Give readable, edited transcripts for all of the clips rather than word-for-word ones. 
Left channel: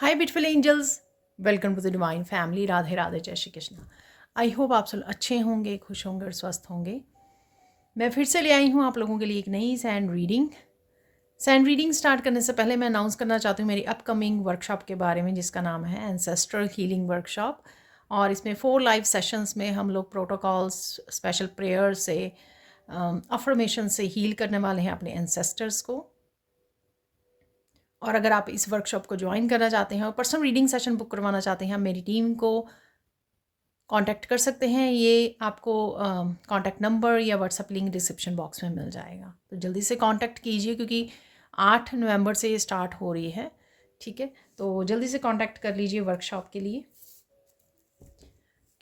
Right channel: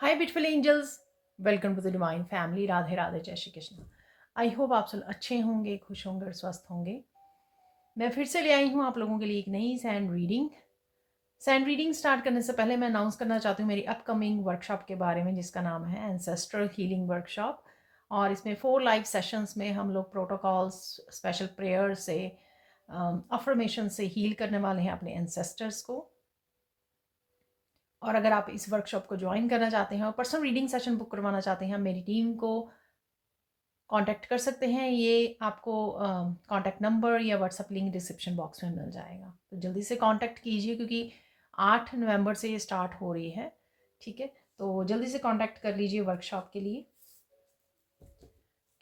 Hi beautiful angels, welcome to the divine family. Radhe Radhe, जय Shri Krishna. I hope आप सब अच्छे होंगे, खुश होंगे और स्वस्थ होंगे। मैं फिर से ले आई हूँ आप लोगों के लिए एक नई sand reading. Sand reading start करने से पहले मैं अनाउंस करना चाहती हूँ मेरी अपकमिंग वर्कशॉप के बारे में, जिसका नाम है एंसेस्ट्रल हीलिंग वर्कशॉप। और इसमें 4 लाइव सेशंस में हम लोग प्रोटोकॉल्स, स्पेशल प्रेयर से, अफर्मेशन से हील करने वाले हैं अपने एंसेस्टर्स को। और अगर आप इस वर्कशॉप को ज्वाइन करना चाहते हैं और पर्सनल रीडिंग सेशन बुक करवाना चाहते हैं, मेरी टीम को कांटेक्ट कर सकते हैं। ये आपको कांटेक्ट नंबर या व्हाट्सएप लिंक डिस्क्रिप्शन बॉक्स में मिल जाएगा, तो जल्दी से कांटेक्ट कीजिए क्योंकि 8 नवंबर से ये स्टार्ट हो रही है। ठीक है, तो जल्दी से कांटेक्ट कर लीजिए वर्कशॉप के लिए,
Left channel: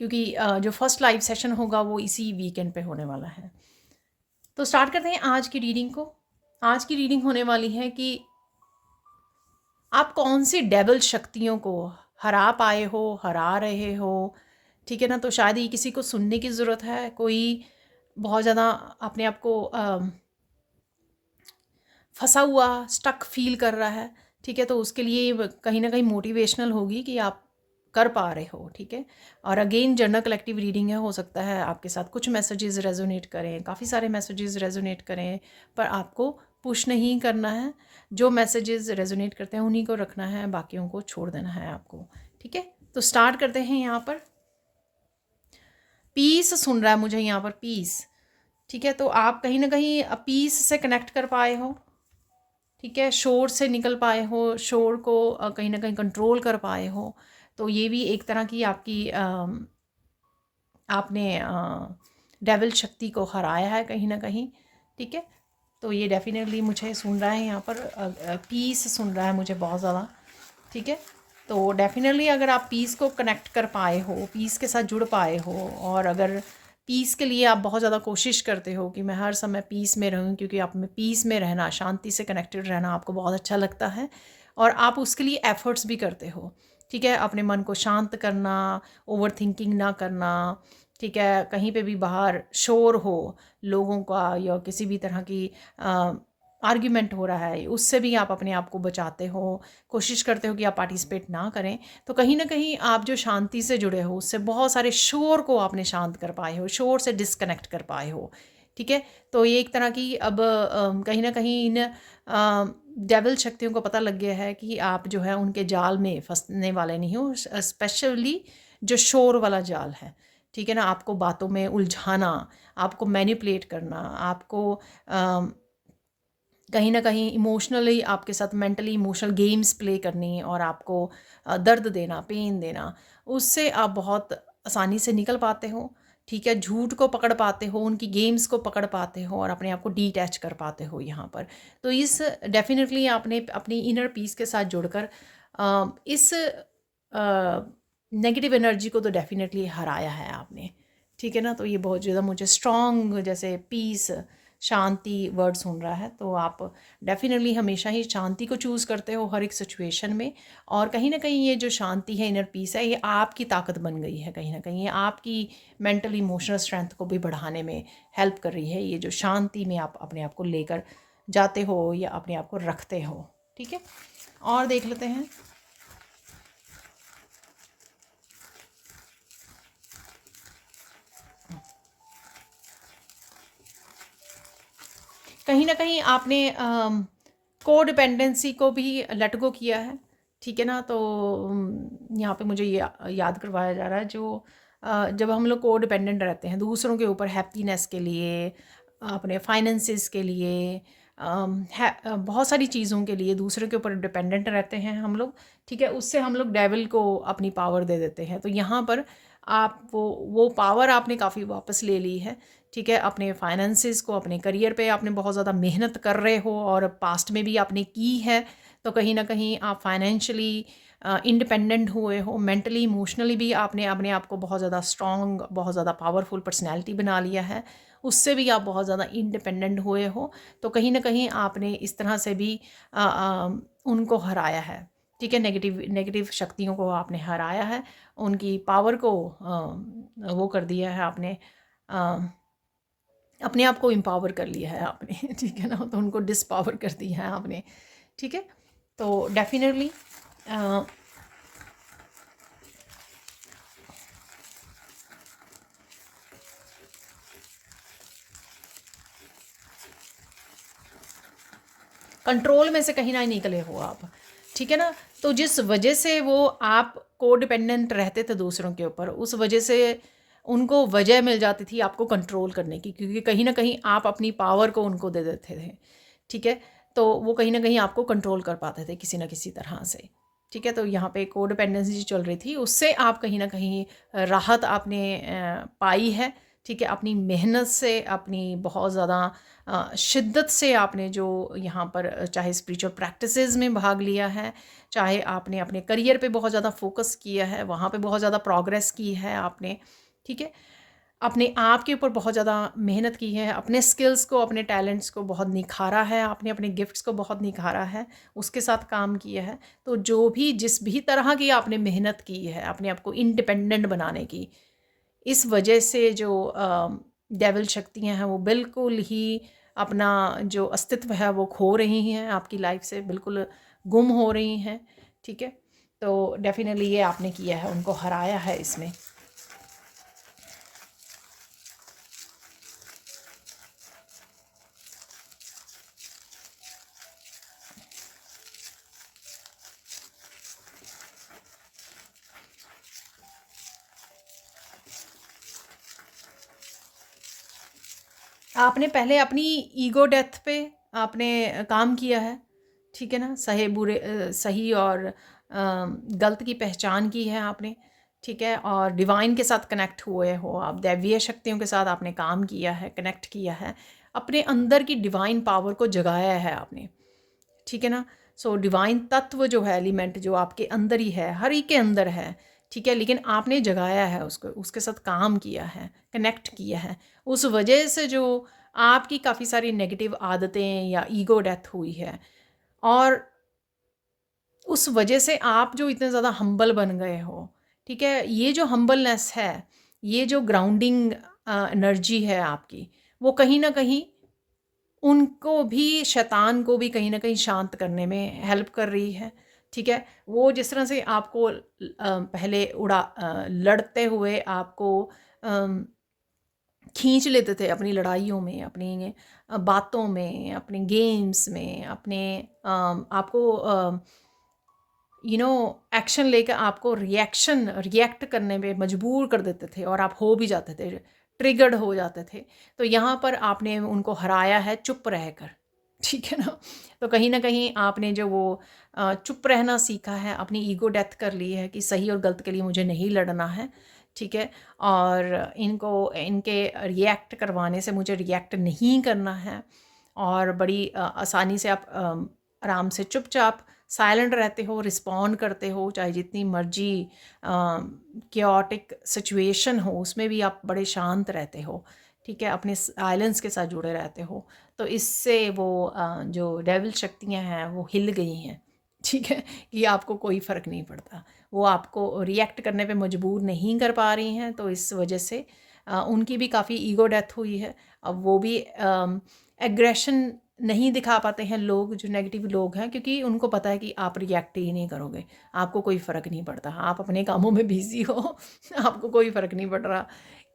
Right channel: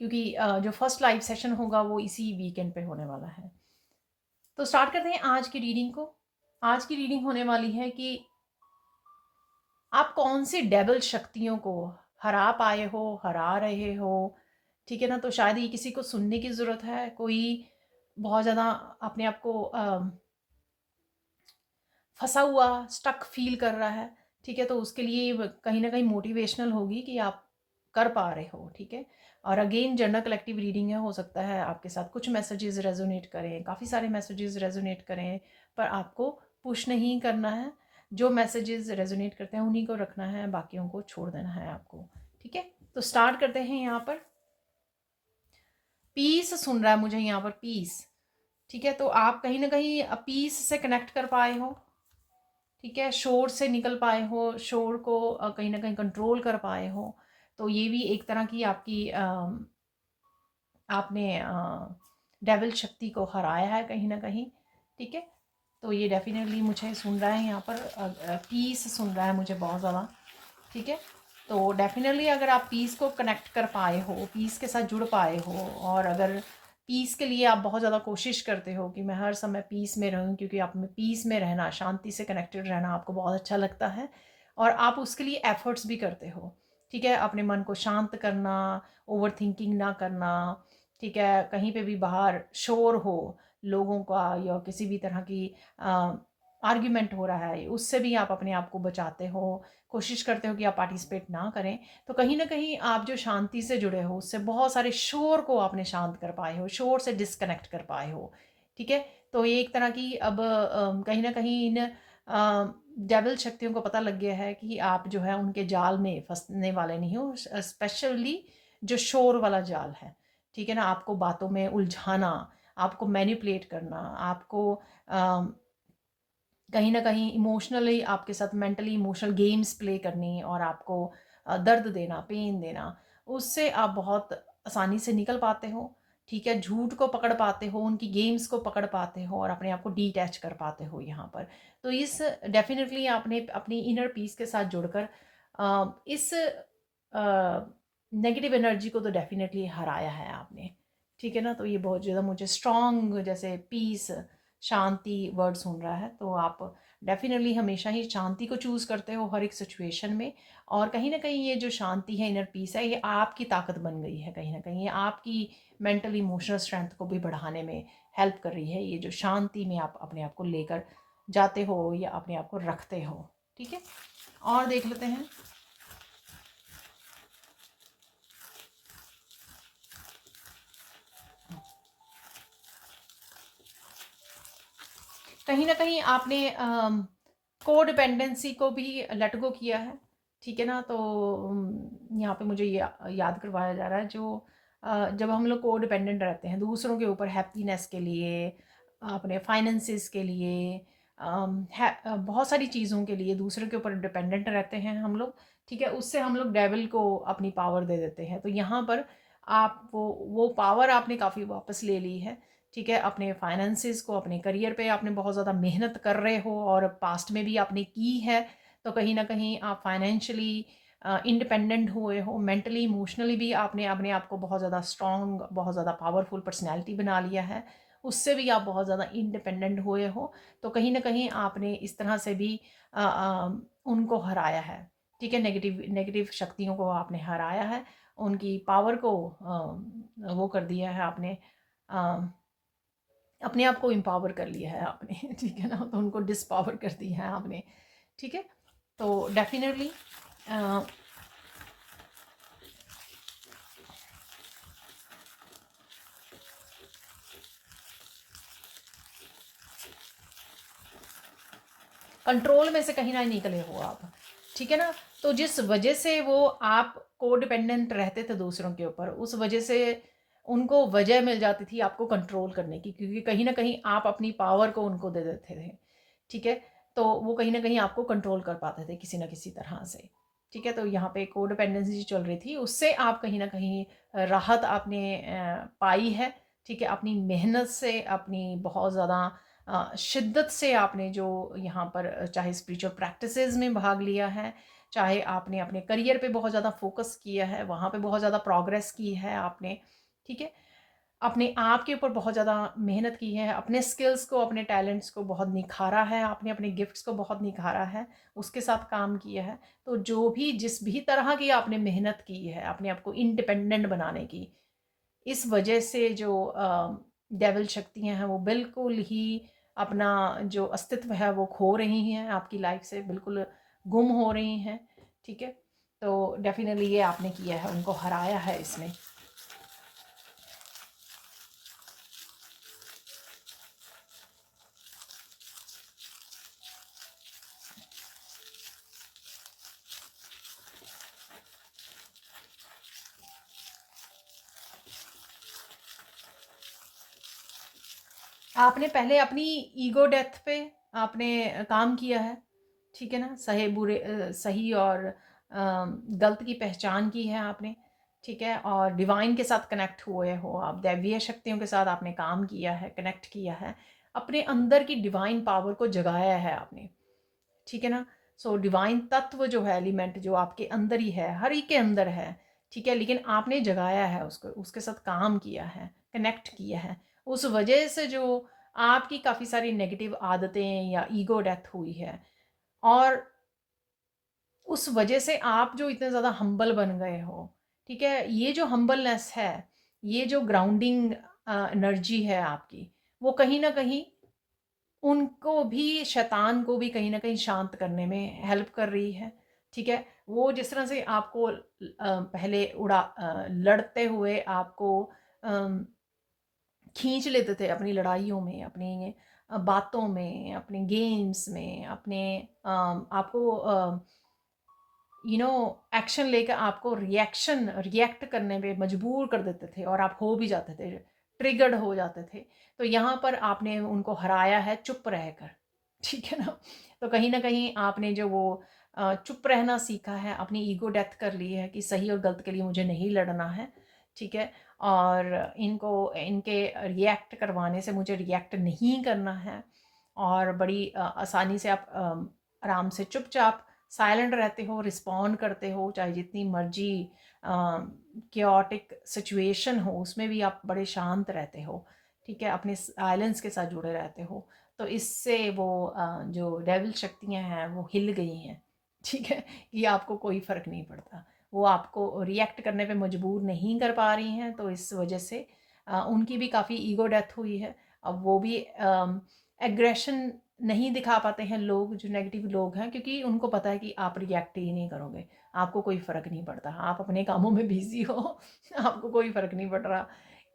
क्योंकि जो फर्स्ट लाइव सेशन होगा वो इसी वीकेंड पे होने वाला है। तो स्टार्ट करते हैं आज की रीडिंग को। आज की रीडिंग होने वाली है कि आप कौन सी डेविल शक्तियों को हरा पाए हो, हरा रहे हो। ठीक है ना, तो शायद ये किसी को सुनने की ज़रूरत है। कोई बहुत ज़्यादा अपने आप को फंसा हुआ, स्टक फील कर रहा है। ठीक है, तो उसके लिए कहीं ना कहीं मोटिवेशनल होगी कि आप कर पा रहे हो। ठीक है, और अगेन जनरल कलेक्टिव रीडिंग है, हो सकता है आपके साथ कुछ मैसेजेस रेजोनेट करें, काफ़ी सारे मैसेजेस रेजोनेट करें, पर आपको पुश नहीं करना है। जो मैसेजेस रेजोनेट करते हैं उन्हीं को रखना है, बाकियों को छोड़ देना है आपको। ठीक है, तो स्टार्ट करते हैं। यहाँ पर पीस सुन रहा है मुझे, यहाँ पर पीस। ठीक है, तो आप कहीं ना कहीं पीस से कनेक्ट कर पाए हो। ठीक है, शोर से निकल पाए हो, शोर को कहीं ना कहीं कंट्रोल कर पाए हो। तो ये भी एक तरह की आपकी आपने डेविल शक्ति को हराया है कहीं ना कहीं। ठीक है, तो ये डेफिनेटली मुझे सुन रहा है, यहाँ पर पीस सुन रहा है मुझे बहुत ज़्यादा। ठीक है, तो डेफिनेटली अगर आप पीस को कनेक्ट कर पाए हो, पीस के साथ जुड़ पाए हो, और अगर पीस के लिए आप बहुत ज़्यादा कोशिश करते हो कि मैं हर समय पीस में रहूं, क्योंकि आप में पीस में रहना, शांति से कनेक्टेड रहना आपको बहुत अच्छा लगता है और आप उसके लिए एफर्ट्स भी करते हो। ठीक है, अपने मन को शांत करना, ओवर थिंकिंग ना करना। ठीक है, कहीं पे भी बाहर शोर हो लोगों का या किसी भी तरह की आर्ग्यूमेंट हो रहा है, उससे भी आप अपने आप को बचाते हो, कोशिश करते हो कि आप पार्टिसिपेट ना करें। तो कहीं ना कहीं आप जो शांति से जुड़े हो, उससे बहुत सारे शोर को आपने शांत कर पाए हो, शोर से डिस्कनेक्ट कर पाए हो। ठीक है, तो ये एक तरह की अब कहीं ना कहीं इन डेविल शक्तियों को पता लग गया है कि आप जो है उनके जाल में फंसने वाले नहीं हो, स्पेशली जो शोर वाला जाल है। ठीक है ना, आपको बातों में उलझाना, आपको मैनिपुलेट करना, आपको कहीं ना कहीं इमोशनली आपके साथ मेंटली इमोशनल गेम्स प्ले करनी और आपको दर्द देना, पेन देना, उससे आप बहुत आसानी से निकल पाते हो। ठीक है, झूठ को पकड़ पाते हो, उनकी गेम्स को पकड़ पाते हो और अपने आप को डीटैच कर पाते हो यहाँ पर। तो इस डेफिनेटली आपने अपनी इनर पीस के साथ जुड़कर इस नेगेटिव एनर्जी को तो डेफिनेटली हराया है आपने। ठीक है ना, तो ये बहुत ज़्यादा मुझे स्ट्रॉन्ग, जैसे पीस, शांति वर्ड सुन रहा है। तो आप डेफिनेटली हमेशा ही शांति को चूज़ करते हो हर एक सिचुएशन में। और कहीं ना कहीं ये जो शांति है, इनर पीस है, ये आपकी ताकत बन गई है। कहीं ना कहीं ये आपकी मेंटल इमोशनल स्ट्रेंथ को भी बढ़ाने में हेल्प कर रही है, ये जो शांति में आप अपने आप को लेकर जाते हो या अपने आप को रखते हो। ठीक है, और देख लेते हैं। कहीं ना कहीं आपने को डिपेंडेंसी को भी लेट गो किया है। ठीक है ना, तो यहाँ पे मुझे ये याद करवाया जा रहा है, जो जब हम लोग को डिपेंडेंट रहते हैं दूसरों के ऊपर, हैप्पीनेस के लिए, अपने फाइनेंसिस के लिए, बहुत सारी चीज़ों के लिए दूसरों के ऊपर डिपेंडेंट रहते हैं हम लोग। ठीक है, उससे हम लोग डेविल को अपनी पावर दे देते हैं। तो यहाँ पर आप वो पावर आपने काफ़ी वापस ले ली है। ठीक है, अपने फाइनेंसिस को, अपने करियर पे आपने बहुत ज़्यादा मेहनत कर रहे हो और पास्ट में भी आपने की है। तो कहीं ना कहीं आप फाइनेंशियली इंडिपेंडेंट हुए हो, मेंटली इमोशनली भी आपने अपने आप को बहुत ज़्यादा स्ट्रॉन्ग, बहुत ज़्यादा पावरफुल पर्सनैलिटी बना लिया है। उससे भी आप बहुत ज़्यादा इंडिपेंडेंट हुए हो। तो कहीं ना कहीं आपने इस तरह से भी उनको हराया है। ठीक है, नेगेटिव नेगेटिव शक्तियों को आपने हराया है, उनकी पावर को वो कर दिया है आपने, अपने आप को एम्पावर कर लिया है आपने। ठीक है ना, तो उनको डिसपावर कर दिया है आपने। ठीक है, तो डेफिनेटली कंट्रोल में से कहीं ना निकले हो आप, ठीक है ना। तो जिस वजह से वो आप को डिपेंडेंट रहते थे दूसरों के ऊपर, उस वजह से उनको वजह मिल जाती थी आपको कंट्रोल करने की, क्योंकि कहीं ना कहीं आप अपनी पावर को उनको दे देते थे, ठीक है। तो वो कहीं ना कहीं आपको कंट्रोल कर पाते थे किसी ना किसी तरह से, ठीक है। तो यहाँ पे कोडिपेंडेंसी चल रही थी, उससे आप कहीं ना कहीं राहत आपने पाई है, ठीक है। अपनी मेहनत से, अपनी बहुत ज़्यादा शिद्दत से आपने जो यहाँ पर चाहे स्पिरिचुअल प्रैक्टिसेस में भाग लिया है, चाहे आपने अपने करियर पे बहुत ज़्यादा फोकस किया है, वहाँ पे बहुत ज़्यादा प्रोग्रेस की है आपने, ठीक है। अपने आप के ऊपर बहुत ज़्यादा मेहनत की है, अपने स्किल्स को, अपने टैलेंट्स को बहुत निखारा है आपने, अपने गिफ्ट्स को बहुत निखारा है, उसके साथ काम किया है। तो जो भी जिस भी तरह की आपने मेहनत की है अपने आप को इंडिपेंडेंट बनाने की, इस वजह से जो डेविल शक्तियाँ हैं वो बिल्कुल ही अपना जो अस्तित्व है वो खो रही हैं, आपकी लाइफ से बिल्कुल गुम हो रही हैं, ठीक है। तो डेफिनेटली ये आपने किया है, उनको हराया है इसमें। आपने पहले अपनी ईगो डेथ पे आपने काम किया है, ठीक है ना। सही बुरे सही और गलत की पहचान की है आपने, ठीक है। और डिवाइन के साथ कनेक्ट हुए हो आप, दैवीय शक्तियों के साथ आपने काम किया है, कनेक्ट किया है, अपने अंदर की डिवाइन पावर को जगाया है आपने, ठीक है ना। सो डिवाइन तत्व जो है, एलिमेंट जो आपके अंदर ही है, हर एक के अंदर है, ठीक है। लेकिन आपने जगाया है उसको, उसके साथ काम किया है, कनेक्ट किया है। उस वजह से जो आपकी काफ़ी सारी नेगेटिव आदतें या ईगो डेथ हुई है, और उस वजह से आप जो इतने ज़्यादा हम्बल बन गए हो, ठीक है। ये जो हम्बलनेस है, ये जो ग्राउंडिंग एनर्जी है आपकी, वो कहीं ना कहीं उनको भी, शैतान को भी कहीं न कहीं शांत करने में हेल्प कर रही है, ठीक है। वो जिस तरह से आपको पहले लड़ते हुए आपको अम, खींच लेते थे अपनी लड़ाइयों में, अपनी बातों में, अपने गेम्स में, अपने आपको एक्शन लेकर आपको रिएक्ट करने पे मजबूर कर देते थे, और आप हो भी जाते थे, ट्रिगर्ड हो जाते थे। तो यहाँ पर आपने उनको हराया है चुप रहकर, ठीक है ना। तो कहीं ना कहीं आपने जो वो चुप रहना सीखा है, अपनी ईगो डेथ कर ली है कि सही और गलत के लिए मुझे नहीं लड़ना है, ठीक है। और इनको इनके रिएक्ट करवाने से मुझे रिएक्ट नहीं करना है, और बड़ी आसानी से आप आराम से चुपचाप साइलेंट रहते हो, रिस्पॉन्ड करते हो, चाहे जितनी मर्जी क्योटिक सिचुएशन हो उसमें भी आप बड़े शांत रहते हो, ठीक है। अपने साइलेंस के साथ जुड़े रहते हो। तो इससे वो जो डेविल शक्तियाँ हैं वो हिल गई हैं, ठीक है, कि आपको कोई फ़र्क नहीं पड़ता, वो आपको रिएक्ट करने पे मजबूर नहीं कर पा रही हैं। तो इस वजह से उनकी भी काफ़ी ईगो डेथ हुई है। अब वो भी एग्रेशन नहीं दिखा पाते हैं लोग, जो नेगेटिव लोग हैं, क्योंकि उनको पता है कि आप रिएक्ट ही नहीं करोगे, आपको कोई फ़र्क नहीं पड़ता, आप अपने कामों में बिज़ी हो आपको कोई फ़र्क नहीं पड़ रहा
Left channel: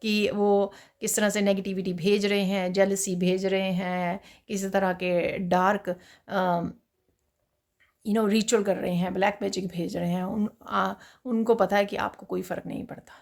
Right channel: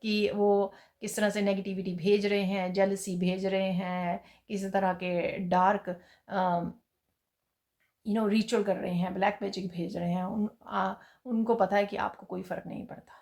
कि वो किस तरह से नेगेटिविटी भेज रहे हैं, जेलसी भेज रहे हैं, किसी तरह के डार्क रिचुअल कर रहे हैं, ब्लैक मैजिक भेज रहे हैं। उनको पता है कि आपको कोई फ़र्क नहीं पड़ता।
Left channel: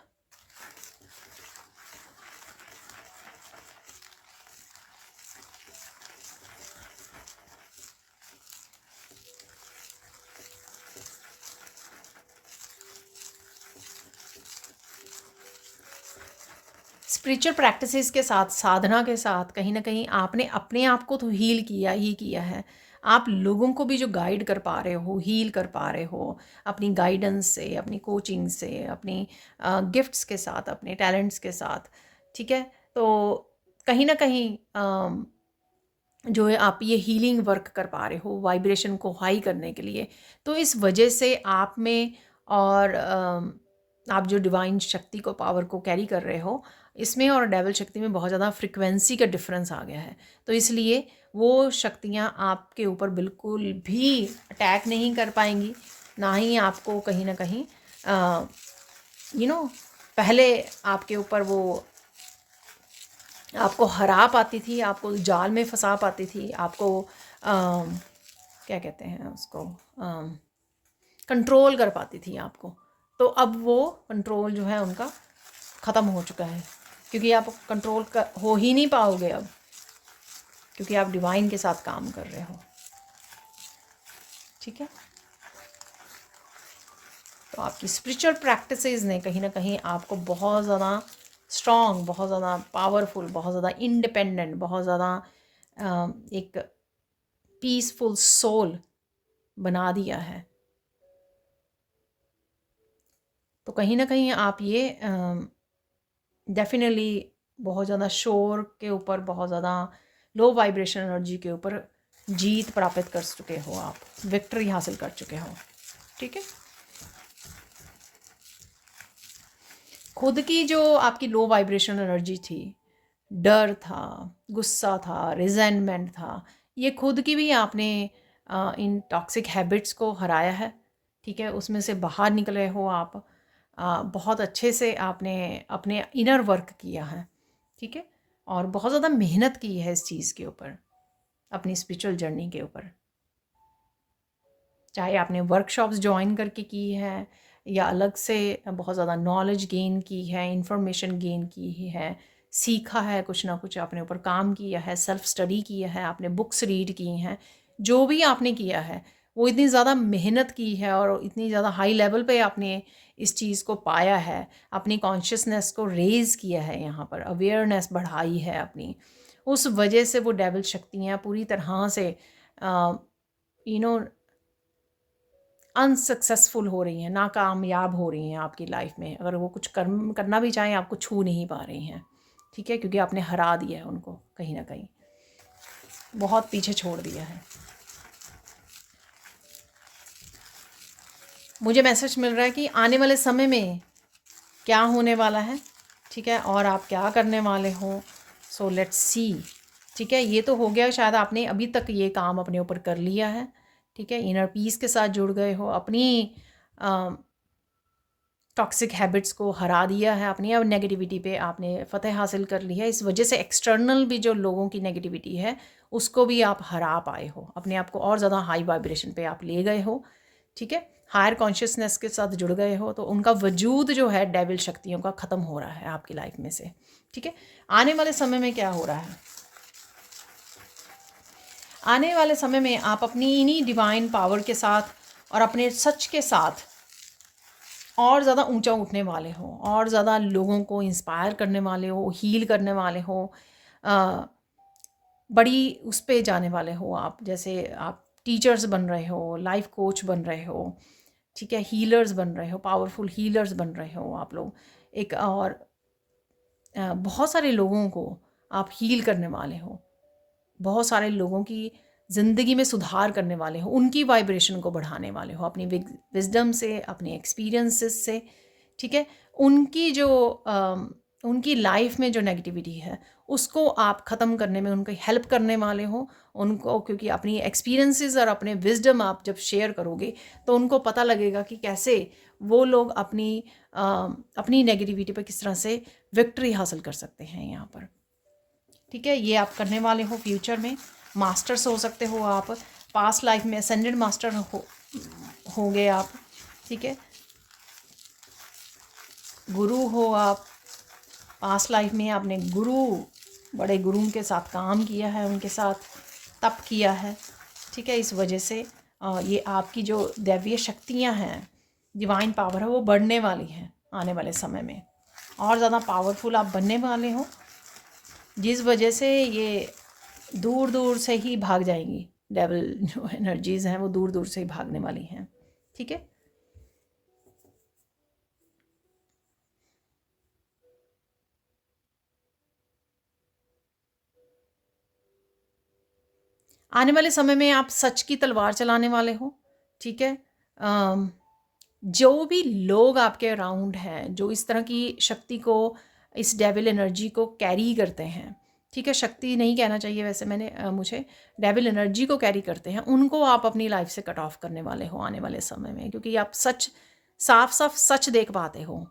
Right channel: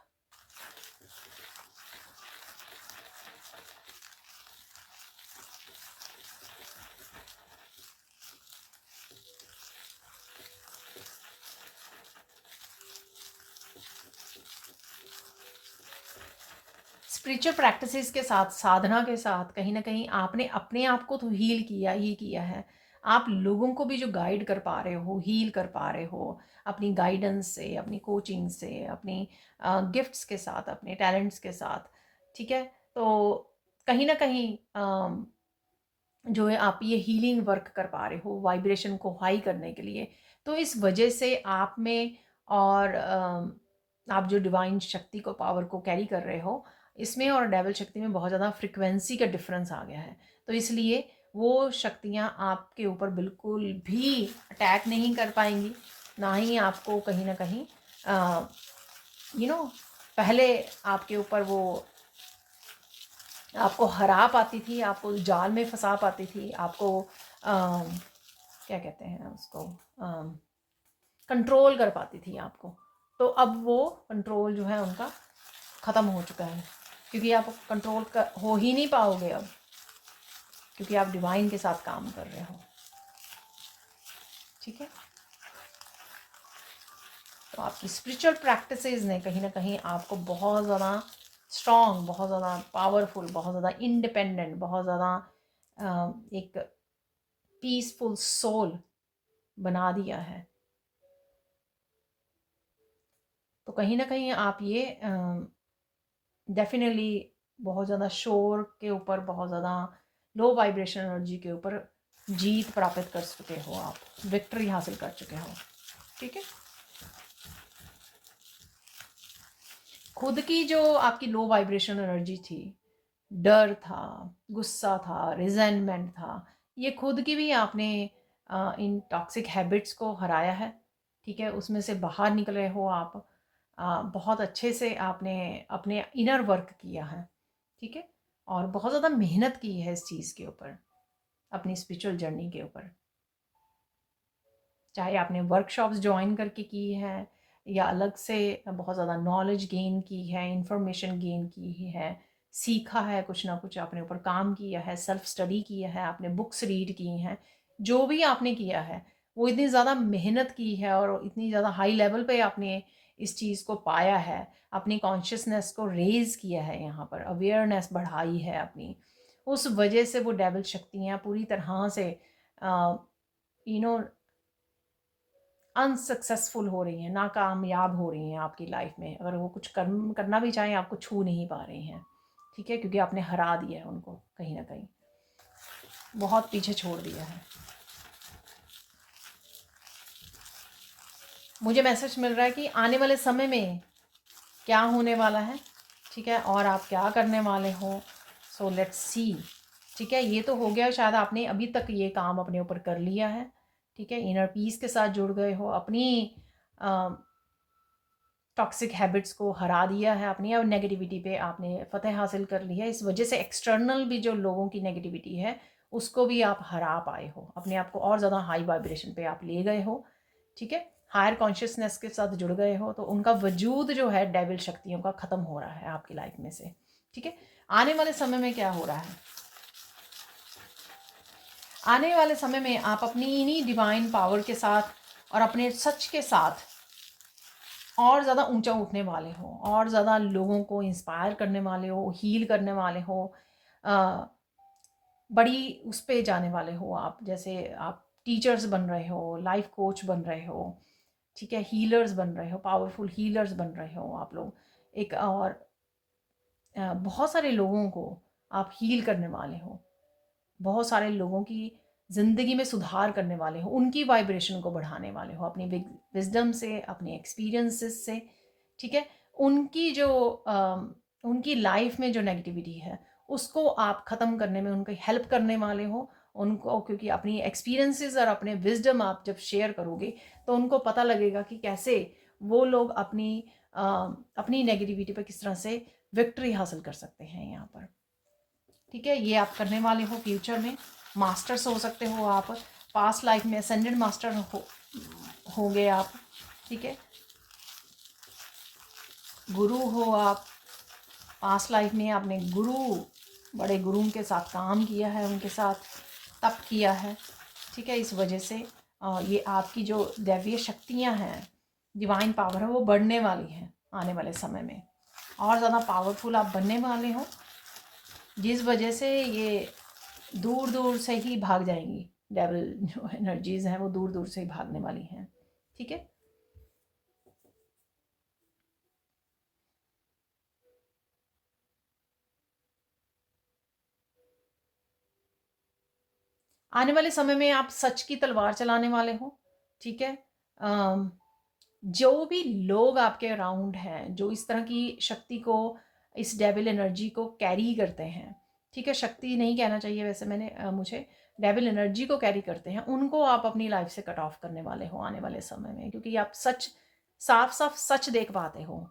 स्पिरिचुअल प्रैक्टिसेस के साथ, साधना के साथ, कहीं ना कहीं आपने अपने आप को तो हील किया ही किया है, आप लोगों को भी जो गाइड कर पा रहे हो, हील कर पा रहे हो अपनी गाइडेंस से, अपनी कोचिंग से, अपनी गिफ्ट्स के साथ, अपने टैलेंट्स के साथ, ठीक है। तो कहीं ना कहीं जो है आप ये हीलिंग वर्क कर पा रहे हो वाइब्रेशन को हाई करने के लिए। तो इस वजह से आप में, और आप जो डिवाइन शक्ति को, पावर को कैरी कर रहे हो, इसमें और डेविल शक्ति में बहुत ज़्यादा फ्रिक्वेंसी का डिफरेंस आ गया है। तो इसलिए वो शक्तियाँ आपके ऊपर बिल्कुल भी अटैक नहीं कर पाएंगी, ना ही आपको कहीं ना कहीं यू नो पहले आपके ऊपर वो आपको हरा पाती थी, आपको जाल में फंसा पाती थी, आपको क्या कहते हैं उसको, कंट्रोल कर पाती थी आपको। तो अब वो कंट्रोल जो है उनका ख़त्म हो चुका है, क्योंकि आप कंट्रोल कर हो ही नहीं पाओगे अब, क्योंकि आप डिवाइन के साथ काम कर रहे हो। ठीक है, तो आपकी स्पिरिचुअल प्रैक्टिसेस ने कहीं ना कहीं आपको बहुत ज़्यादा स्ट्रॉन्ग, बहुत ज़्यादा पावरफुल, बहुत ज़्यादा इंडिपेंडेंट, बहुत ज़्यादा एक पीसफुल सोल बना दिया है। तो कहीं ना कहीं आप ये डेफिनेटली बहुत ज़्यादा शोर के ऊपर, बहुत ज़्यादा लो वाइब्रेशन एनर्जी के ऊपर जीत प्राप्त कर चुके हो, आप विक्ट्री हासिल कर चुके हो। ठीक है, खुद की जो आपकी लो वाइब्रेशन एनर्जी थी, डर था, गुस्सा था, रिजेंटमेंट था, ये खुद की भी आपने इन टॉक्सिक हैबिट्स को हराया है। ठीक है, उसमें से बाहर निकले हो आप, बहुत अच्छे से आपने अपने इनर वर्क किया है। ठीक है, और बहुत ज़्यादा मेहनत की है इस चीज़ के ऊपर, अपनी स्पिरिचुअल जर्नी के ऊपर। चाहे आपने वर्कशॉप्स ज्वाइन करके की है, या अलग से बहुत ज़्यादा नॉलेज गेन की है, इंफॉर्मेशन गेन की है, सीखा है, कुछ ना कुछ आपने ऊपर काम किया है, सेल्फ स्टडी किया है, आपने बुक्स रीड की हैं, जो भी आपने किया है वो इतनी ज़्यादा मेहनत की है और इतनी ज़्यादा हाई लेवल पे आपने इस चीज़ को पाया है, अपनी कॉन्शियसनेस को रेज़ किया है, यहाँ पर अवेयरनेस बढ़ाई है अपनी। उस वजह से वो डेविल शक्तियाँ पूरी तरह से यू नो अनसक्सेसफुल हो रही हैं, नाकामयाब हो रही हैं आपकी लाइफ में। अगर वो कुछ करना भी चाहें, आपको छू नहीं पा रही हैं। ठीक है, क्योंकि आपने हरा दिया है उनको, कहीं ना कहीं बहुत पीछे छोड़ दिया है। मुझे मैसेज मिल रहा है कि आने वाले समय में क्या होने वाला है, ठीक है, और आप क्या करने वाले हो। So let's see. ठीक है, ये तो हो गया, शायद आपने अभी तक ये काम अपने ऊपर कर लिया है। ठीक है, इनर पीस के साथ जुड़ गए हो, अपनी टॉक्सिक हैबिट्स को हरा दिया है, अपनी अब नेगेटिविटी पे आपने फ़तह हासिल कर ली है। इस वजह से एक्सटर्नल भी जो लोगों की नेगेटिविटी है उसको भी आप हरा पाए हो, अपने आप को और ज़्यादा हाई वाइब्रेशन पे आप ले गए हो। ठीक है, हायर कॉन्शियसनेस के साथ जुड़ गए हो, तो उनका वजूद जो है डेविल शक्तियों का ख़त्म हो रहा है आपकी लाइफ में से। ठीक है, आने वाले समय में क्या हो रहा है, आने वाले समय में आप अपनी इन्हीं डिवाइन पावर के साथ और अपने सच के साथ और ज़्यादा ऊंचा उठने वाले हो, और ज़्यादा लोगों को इंस्पायर करने वाले हो, हील करने वाले हो, बड़ी उस पे जाने वाले हो आप। जैसे आप टीचर्स बन रहे हो, लाइफ कोच बन रहे हो, ठीक है, हीलर्स बन रहे हो, पावरफुल हीलर्स बन रहे हो आप लोग एक। और बहुत सारे लोगों को आप हील करने वाले हो, बहुत सारे लोगों की ज़िंदगी में सुधार करने वाले हो, उनकी वाइब्रेशन को बढ़ाने वाले हो अपनी विजडम से, अपने एक्सपीरियंसेस से। ठीक है, उनकी जो उनकी लाइफ में जो नेगेटिविटी है उसको आप ख़त्म करने में उनकी हेल्प करने वाले हो उनको, क्योंकि अपनी एक्सपीरियंसेस और अपने विजडम आप जब शेयर करोगे तो उनको पता लगेगा कि कैसे वो लोग अपनी नेगेटिविटी पर किस तरह से विक्ट्री हासिल कर सकते हैं यहाँ पर। ठीक है, ये आप करने वाले हो फ्यूचर में। मास्टर्स हो सकते हो आप, पास्ट लाइफ में असेंडेड मास्टर होंगे आप। ठीक है, गुरु हो आप, पास्ट लाइफ में आपने बड़े गुरु के साथ काम किया है, उनके साथ तप किया है। ठीक है, इस वजह से ये आपकी जो दैवीय शक्तियाँ हैं, डिवाइन पावर है, वो बढ़ने वाली हैं आने वाले समय में, और ज़्यादा पावरफुल आप बनने वाले हो, जिस वजह से ये दूर दूर से ही भाग जाएंगी। डेविल जो एनर्जीज़ हैं वो दूर दूर से ही भागने वाली हैं। ठीक है, आने वाले समय में आप सच की तलवार चलाने वाले हो। ठीक है, जो भी लोग आपके अराउंड हैं जो इस तरह की शक्ति को, इस डेविल एनर्जी को कैरी करते हैं, ठीक है, शक्ति नहीं कहना चाहिए वैसे मुझे डेविल एनर्जी को कैरी करते हैं, उनको आप अपनी लाइफ से कट ऑफ करने वाले हो आने वाले समय में, क्योंकि आप साफ साफ सच देख पाते हो।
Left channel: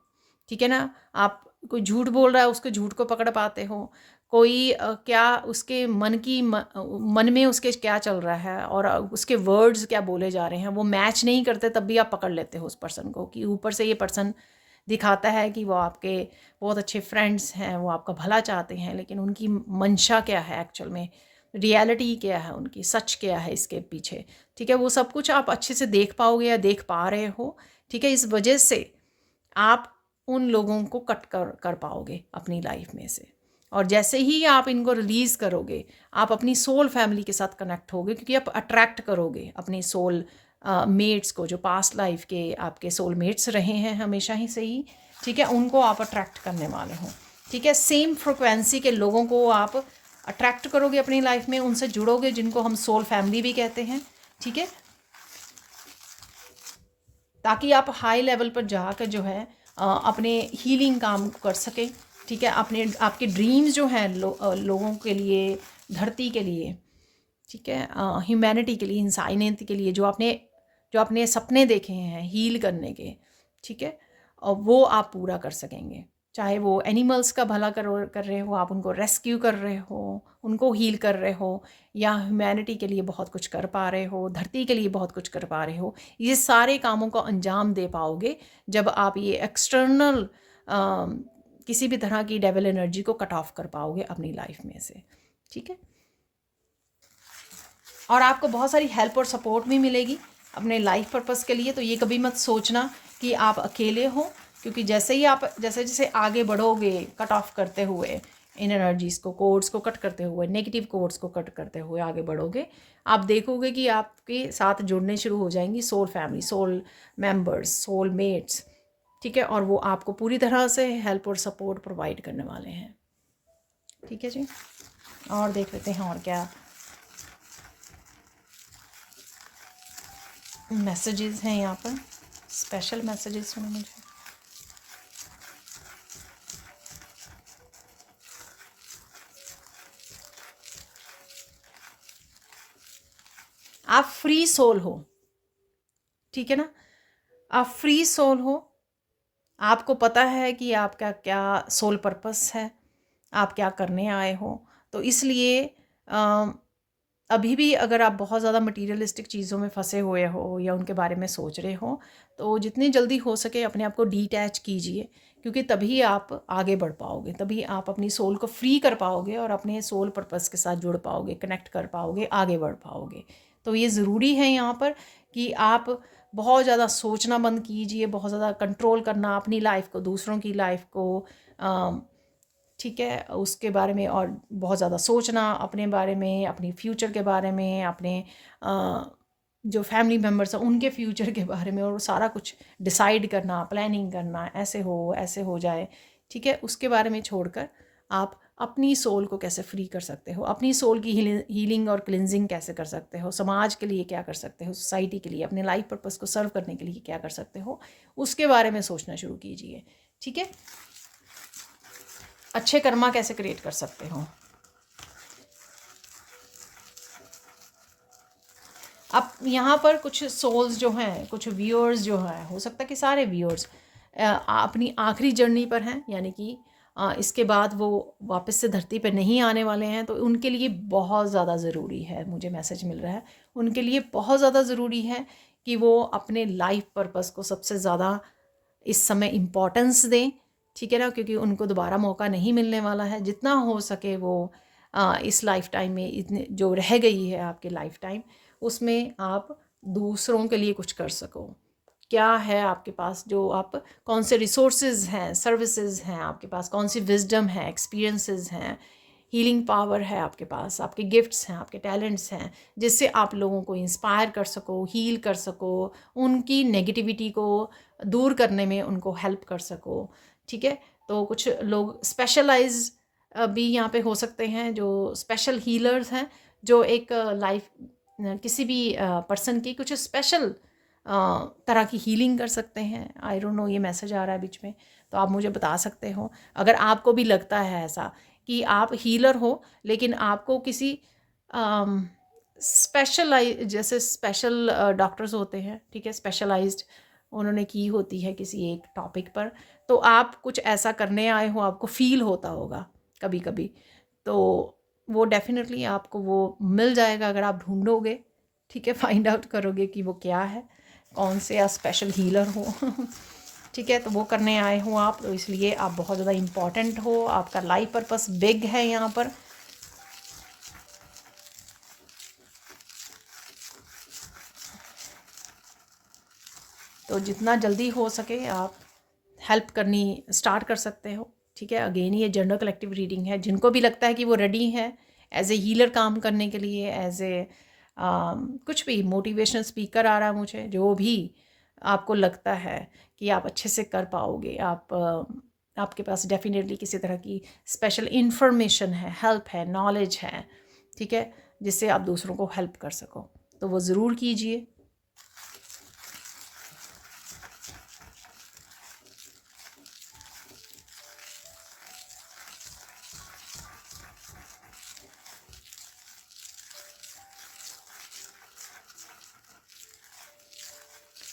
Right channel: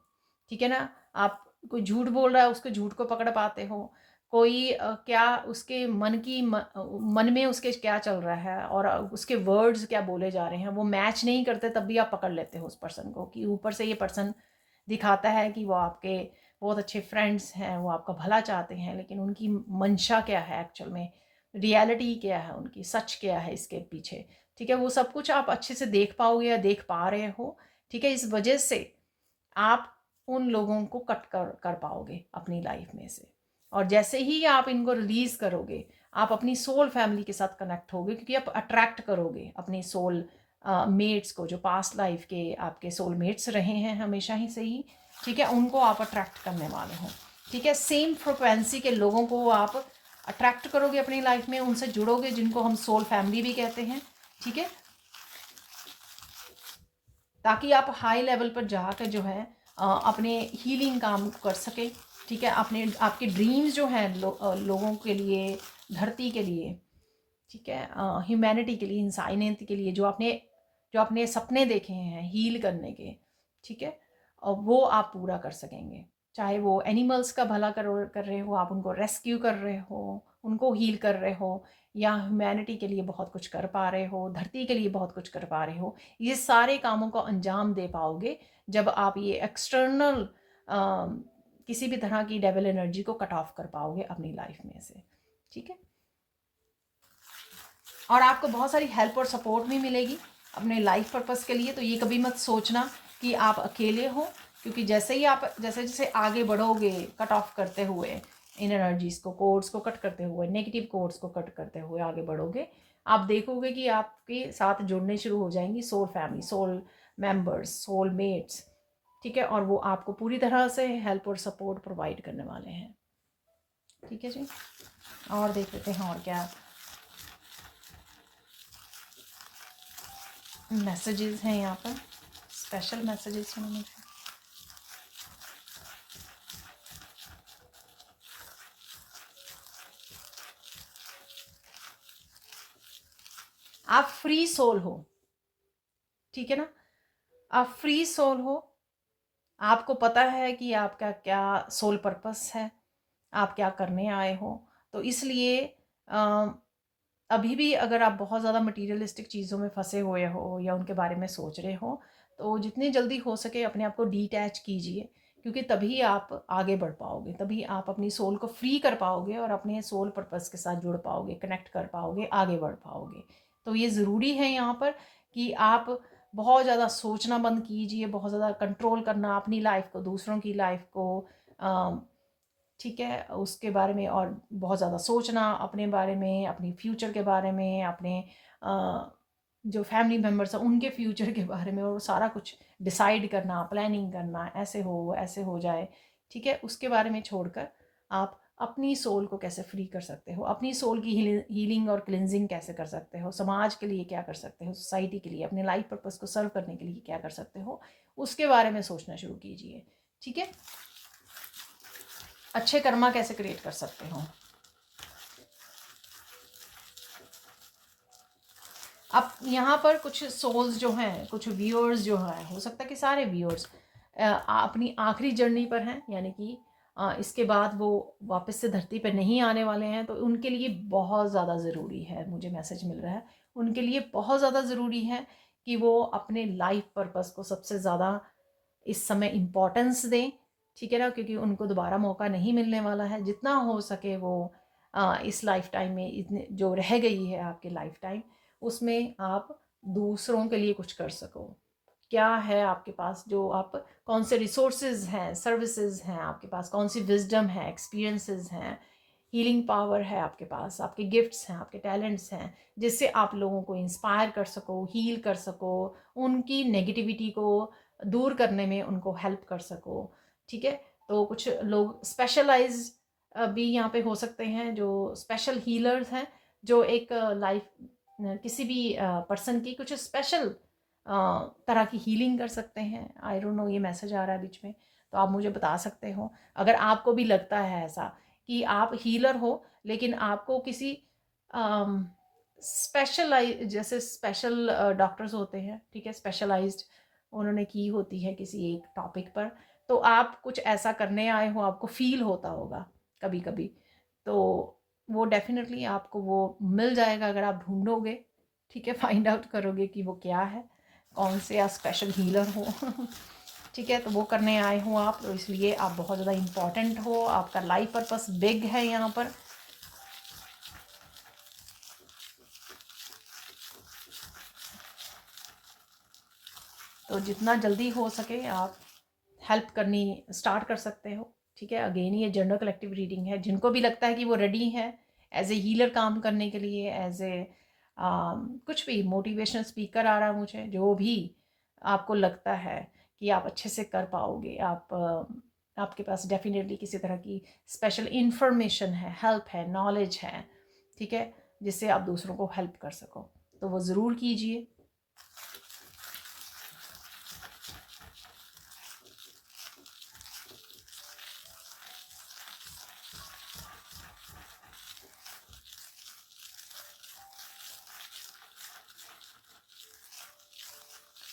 ठीक है ना, आप कोई झूठ बोल रहा है उसके झूठ को पकड़ पाते हो, कोई क्या उसके मन में उसके क्या चल रहा है और उसके वर्ड्स क्या बोले जा रहे हैं, वो मैच नहीं करते, तब भी आप पकड़ लेते हो उस पर्सन को कि ऊपर से ये पर्सन दिखाता है कि वो आपके बहुत अच्छे फ्रेंड्स हैं, वो आपका भला चाहते हैं, लेकिन उनकी मंशा क्या है एक्चुअल में, रियलिटी क्या है उनकी, सच क्या है इसके पीछे। ठीक है, वो सब कुछ आप अच्छे से देख पाओगे या देख पा रहे हो। ठीक है, इस वजह से आप उन लोगों को कट कर पाओगे अपनी लाइफ में से। और जैसे ही आप इनको रिलीज़ करोगे, आप अपनी सोल फैमिली के साथ कनेक्ट होगे, क्योंकि आप अट्रैक्ट करोगे अपनी सोल मेट्स को, जो पास्ट लाइफ के आपके सोल मेट्स रहे हैं हमेशा ही से ही। ठीक है, उनको आप अट्रैक्ट करने वाले हो। ठीक है, सेम फ्रिक्वेंसी के लोगों को आप अट्रैक्ट करोगे अपनी लाइफ में, उनसे जुड़ोगे, जिनको हम सोल फैमिली भी कहते हैं। ठीक है, ताकि आप हाई लेवल पर जाकर जो है अपने हीलिंग काम कर सकें। ठीक है, अपने आपके ड्रीम्स जो हैं लोगों के लिए, धरती के लिए, ठीक है, ह्यूमैनिटी के लिए, इंसानियत के लिए, जो आपने सपने देखे हैं हील करने के, ठीक है, और वो आप पूरा कर सकेंगे। चाहे वो एनिमल्स का भला कर रहे हो, आप उनको रेस्क्यू कर रहे हो, उनको हील कर रहे हो, या ह्यूमैनिटी के लिए बहुत कुछ कर पा रहे हो, धरती के लिए बहुत कुछ कर पा रहे हो, ये सारे कामों को अंजाम दे पाओगे जब आप ये एक्सटर्नल किसी भी तरह की डेविल एनर्जी को कट ऑफ कर पाओगे अपनी लाइफ में से। ठीक है, और आपको बहुत सारी हेल्प और सपोर्ट भी मिलेगी अपने लाइफ पर्पस के लिए। तो ये कभी मत सोचना कि आप अकेले हो, क्योंकि जैसे ही आप जैसे जैसे आगे बढ़ोगे कट ऑफ करते हुए इन एनर्जीज़ को, कोड्स को कट करते हुए, नेगेटिव कोड्स को कट करते हुए आगे बढ़ोगे, आप देखोगे कि आपके साथ जुड़ने शुरू हो जाएंगी soul family, soul members, soul mates. ठीक है, और वो आपको पूरी तरह से हेल्प और सपोर्ट प्रोवाइड करने वाले हैं। ठीक है जी, और देख लेते हैं और क्या मैसेजेस हैं यहाँ पर, स्पेशल मैसेजेस हैं मुझे। आप फ्री सोल हो, ठीक है ना, आप फ्री सोल हो, आपको पता है कि आपका क्या सोल पर्पस है, आप क्या करने आए हो। तो इसलिए अभी भी अगर आप बहुत ज़्यादा मटीरियलिस्टिक चीज़ों में फंसे हुए हो या उनके बारे में सोच रहे हो, तो जितनी जल्दी हो सके अपने आप को डिटैच कीजिए, क्योंकि तभी आप आगे बढ़ पाओगे, तभी आप अपनी सोल को फ्री कर पाओगे और अपने सोल पर्पस के साथ जुड़ पाओगे, कनेक्ट कर पाओगे, आगे बढ़ पाओगे। तो ये ज़रूरी है यहाँ पर कि आप बहुत ज़्यादा सोचना बंद कीजिए, बहुत ज़्यादा कंट्रोल करना अपनी लाइफ को, दूसरों की लाइफ को, ठीक है, उसके बारे में और बहुत ज़्यादा सोचना अपने बारे में, अपनी फ्यूचर के बारे में, अपने जो फैमिली मेम्बर्स हैं उनके फ्यूचर के बारे में, और सारा कुछ डिसाइड करना, प्लानिंग करना, ऐसे हो जाए। ठीक है, उसके बारे में छोड़कर आप अपनी सोल को कैसे फ्री कर सकते हो, अपनी सोल की हीलिंग और क्लिनजिंग कैसे कर सकते हो, समाज के लिए क्या कर सकते हो, सोसाइटी के लिए, अपने लाइफ पर्पस को सर्व करने के लिए क्या कर सकते हो, उसके बारे में सोचना शुरू कीजिए। ठीक है, अच्छे कर्मा कैसे क्रिएट कर सकते हो। अब यहाँ पर कुछ सोल्स जो हैं, कुछ व्यूअर्स जो हैं, हो सकता है कि सारे व्यूअर्स अपनी आखिरी जर्नी पर हैं, यानी कि इसके बाद वो वापस से धरती पर नहीं आने वाले हैं। तो उनके लिए बहुत ज़्यादा ज़रूरी है, मुझे मैसेज मिल रहा है, उनके लिए बहुत ज़्यादा ज़रूरी है कि वो अपने लाइफ पर्पस को सबसे ज़्यादा इस समय इम्पोर्टेंस दें। ठीक है ना, क्योंकि उनको दोबारा मौका नहीं मिलने वाला है। जितना हो सके वो इस लाइफ टाइम में, इतने जो रह गई है आपके लाइफ टाइम, उसमें आप दूसरों के लिए कुछ कर सको। क्या है आपके पास, जो आप कौन से रिसोर्सेज हैं, सर्विसेज हैं आपके पास, कौन सी विजडम है, एक्सपीरियंसेस हैं, हीलिंग पावर है आपके पास, आपके गिफ्ट्स हैं, आपके टैलेंट्स हैं, जिससे आप लोगों को इंस्पायर कर सको, हील कर सको, उनकी नेगेटिविटी को दूर करने में उनको हेल्प कर सको। ठीक है, तो कुछ लोग स्पेशलाइज भी यहाँ पे हो सकते हैं, जो स्पेशल हीलर्स हैं, जो एक लाइफ किसी भी पर्सन की कुछ स्पेशल तरह की हीलिंग कर सकते हैं। आई डोंट नो, ये मैसेज आ रहा है बीच में, तो आप मुझे बता सकते हो अगर आपको भी लगता है ऐसा कि आप हीलर हो, लेकिन आपको किसी जैसे स्पेशल डॉक्टर्स होते हैं, ठीक है, स्पेशलाइज्ड उन्होंने की होती है किसी एक टॉपिक पर, तो आप कुछ ऐसा करने आए हो, आपको फील होता होगा कभी कभी, तो वो डेफ़िनेटली आपको वो मिल जाएगा अगर आप ढूँढोगे, ठीक है, फाइंड आउट करोगे कि वो क्या है, कौन से आप स्पेशल हीलर हो। ठीक है, तो वो करने आए हो आप, तो इसलिए आप बहुत ज़्यादा इम्पॉर्टेंट हो, आपका लाइफ पर्पस बिग है यहाँ पर। तो जितना जल्दी हो सके आप हेल्प करनी स्टार्ट कर सकते हो। ठीक है, अगेन ये जनरल कलेक्टिव रीडिंग है, जिनको भी लगता है कि वो रेडी है एज ए हीलर काम करने के लिए, एज ए कुछ भी मोटिवेशनल स्पीकर आ रहा है मुझे, जो भी आपको लगता है कि आप अच्छे से कर पाओगे, आप आपके पास डेफिनेटली किसी तरह की स्पेशल इंफॉर्मेशन है, हेल्प है, नॉलेज है, ठीक है, जिससे आप दूसरों को हेल्प कर सको, तो वो ज़रूर कीजिए।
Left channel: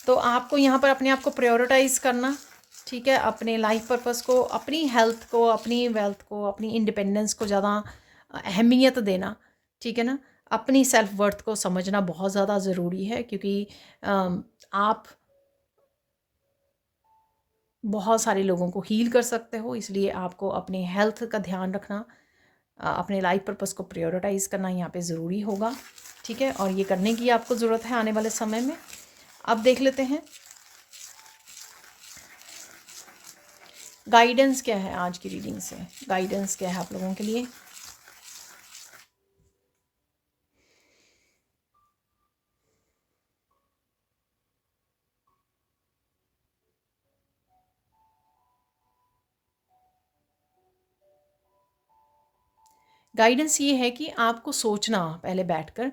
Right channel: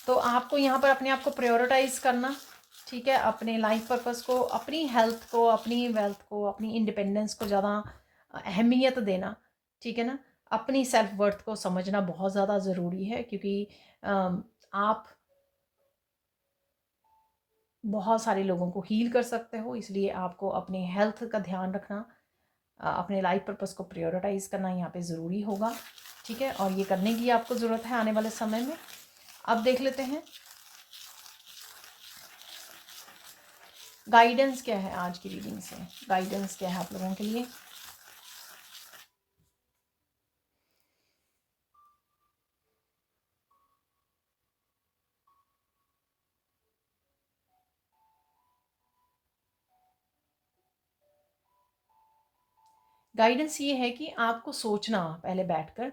तो आपको यहाँ पर अपने आप को प्रायोरिटाइज़ करना, ठीक है, अपने लाइफ पर्पस को, अपनी हेल्थ को, अपनी वेल्थ को, अपनी इंडिपेंडेंस को ज़्यादा अहमियत देना, ठीक है ना, अपनी सेल्फ वर्थ को समझना बहुत ज़्यादा ज़रूरी है, क्योंकि आप बहुत सारे लोगों को हील कर सकते हो, इसलिए आपको अपनी हेल्थ का ध्यान रखना, अपने लाइफ पर्पस को प्रायोरिटाइज़ करना यहाँ पे ज़रूरी होगा, ठीक है, और ये करने की आपको ज़रूरत है आने वाले समय में। अब देख लेते हैं गाइडेंस क्या है आज की रीडिंग से, गाइडेंस क्या है आप लोगों के लिए। गाइडेंस ये है कि आपको सोचना पहले बैठकर,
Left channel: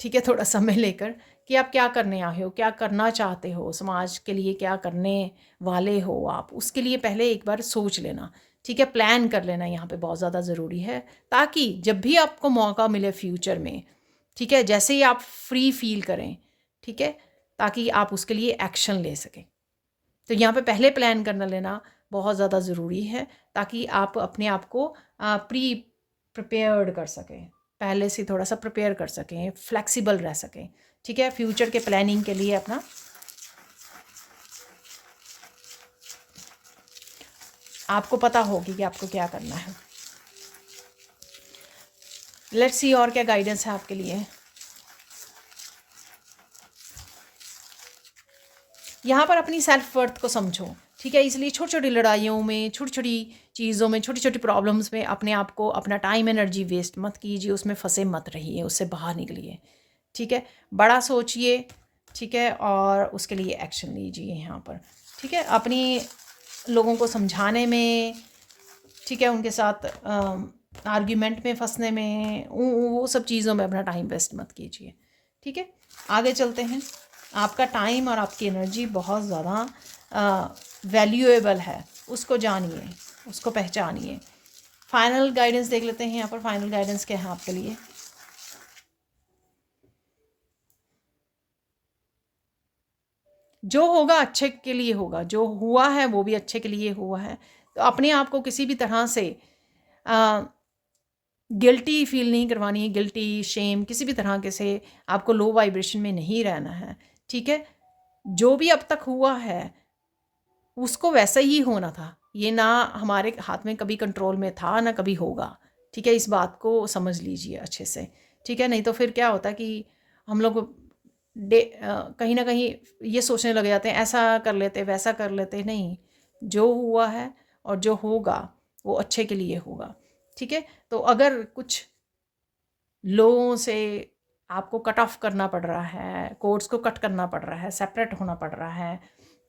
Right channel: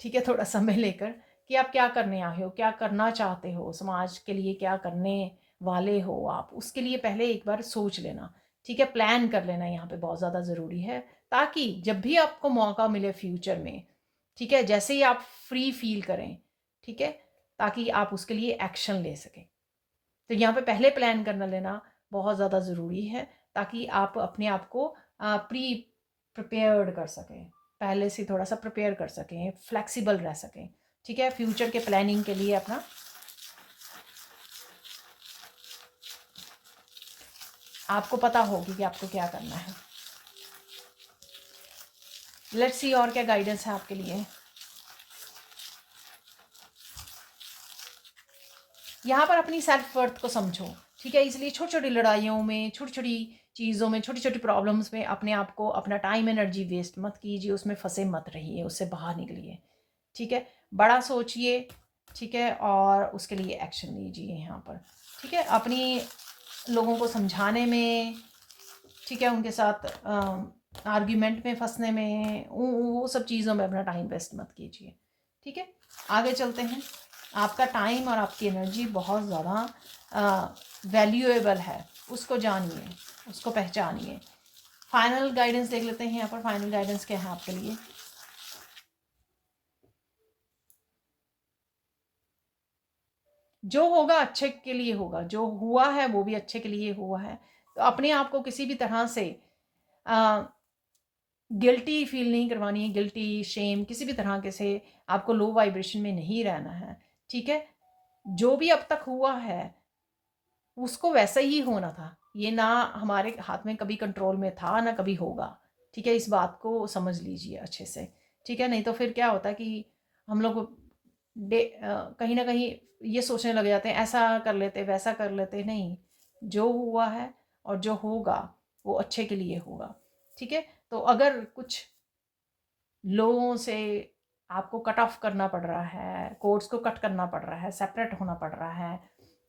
ठीक है, थोड़ा समय लेकर, कि आप क्या करने आए हो, क्या करना चाहते हो, समाज के लिए क्या करने वाले हो आप, उसके लिए पहले एक बार सोच लेना, ठीक है, प्लान कर लेना यहाँ पे बहुत ज़्यादा ज़रूरी है, ताकि जब भी आपको मौका मिले फ्यूचर में, ठीक है, जैसे ही आप फ्री फील करें, ठीक है, ताकि आप उसके लिए एक्शन ले सकें। तो यहाँ पे पहले प्लान करना लेना बहुत ज़्यादा ज़रूरी है, ताकि आप अपने आप को प्री प्रिपेयर्ड कर सकें, पहले से थोड़ा सा प्रिपेयर कर सकें, फ्लेक्सिबल रह सकें, ठीक है, फ्यूचर के प्लानिंग के लिए अपना आपको पता होगी कि आपको क्या करना है। लेट्स सी और क्या गाइडेंस है आपके लिए। यहाँ पर अपनी सेल्फ वर्थ को समझो, ठीक है, इसलिए छोटी छोटी लड़ाइयों में, छोटी छोटी चीज़ों में, छोटी छोटी प्रॉब्लम्स में अपने आप को, अपना टाइम एनर्जी वेस्ट मत कीजिए, उसमें फंसे मत रहिए, उससे बाहर निकलिए, ठीक है, बड़ा सोचिए, ठीक है, और उसके लिए एक्शन लीजिए यहाँ पर, ठीक है, अपनी लोगों को समझाने में, ठीक है, उनके साथ आर्ग्यूमेंट में फंसने में, वो सब चीज़ों में अपना टाइम वेस्ट मत कीजिए, ठीक है। आगे चलते हैं। आपका टाइम और आपकी एनर्जी बहुत ज़्यादा वैल्यूएबल है, उसको जानिए, उसको पहचानिए। फाइनल गाइडेंस देख लेते हैं यहाँ पर, फाइनल गाइडेंस क्या है आपके लिए। जो होगा अच्छे के लिए होगा, जो हुआ है वो भी अच्छे के लिए हुआ है, तो अपने आप को किसी भी तरह से गिल्टी फील नहीं करवानी है, गिल्टी शेम किसी भी तरह के से आपको लो वाइब्रेशन में नहीं रहना है, ठीक है, जो भी अब तक हुआ है उसको वैसा ही होना था, ये ना हमारे हाथ में कभी कंट्रोल में था ना कभी होगा, ठीक है, इस बात को समझ लीजिए अच्छे से, ठीक है, नहीं तो फिर क्या होता है कि हम लोग कहीं ना कहीं ये सोचने लग जाते हैं, ऐसा कर लेते वैसा कर लेते, नहीं, जो हुआ है और जो होगा वो अच्छे के लिए होगा, ठीक है। तो अगर कुछ लोगों से आपको कट ऑफ करना पड़ रहा है, कोर्स को कट करना पड़ रहा है, सेपरेट होना पड़ रहा है,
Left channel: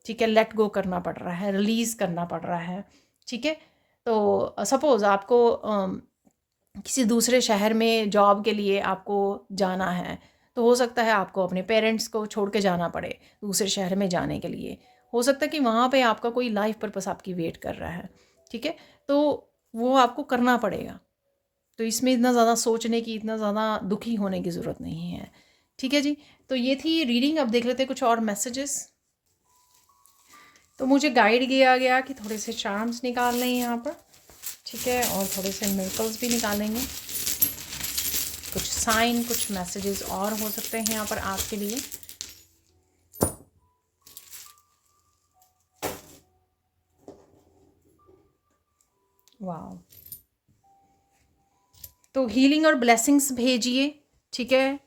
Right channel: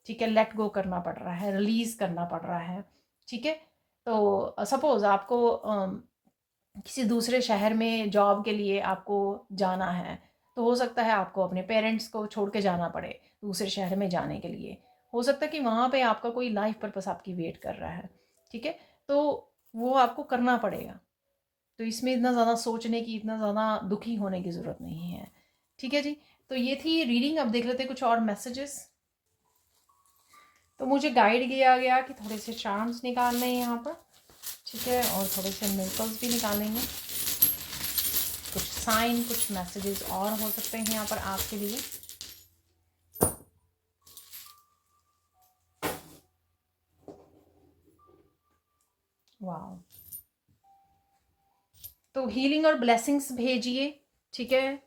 ठीक है, लेट गो करना पड़ रहा है, रिलीज़ करना पड़ रहा है, ठीक है, तो सपोज़ आपको किसी दूसरे शहर में जॉब के लिए आपको जाना है, तो हो सकता है आपको अपने पेरेंट्स को छोड़ के जाना पड़े दूसरे शहर में जाने के लिए, हो सकता है कि वहाँ पे आपका कोई लाइफ पर्पस आपकी वेट कर रहा है, ठीक है, तो वो आपको करना पड़ेगा, तो इसमें इतना ज़्यादा सोचने की, इतना ज़्यादा दुखी होने की ज़रूरत नहीं है, ठीक है जी। तो ये थी रीडिंग। अब देख लेते हैं कुछ और मैसेजेस। तो मुझे गाइड किया गया कि थोड़े से चार्म्स निकाल लें यहाँ पर, ठीक है, और थोड़े से मिरेकल्स भी निकालेंगे, कुछ साइन, कुछ मैसेजेस और हो सकते हैं यहाँ पर आपके लिए। वाह, तो हीलिंग और ब्लेसिंग्स भेजिए, ठीक है,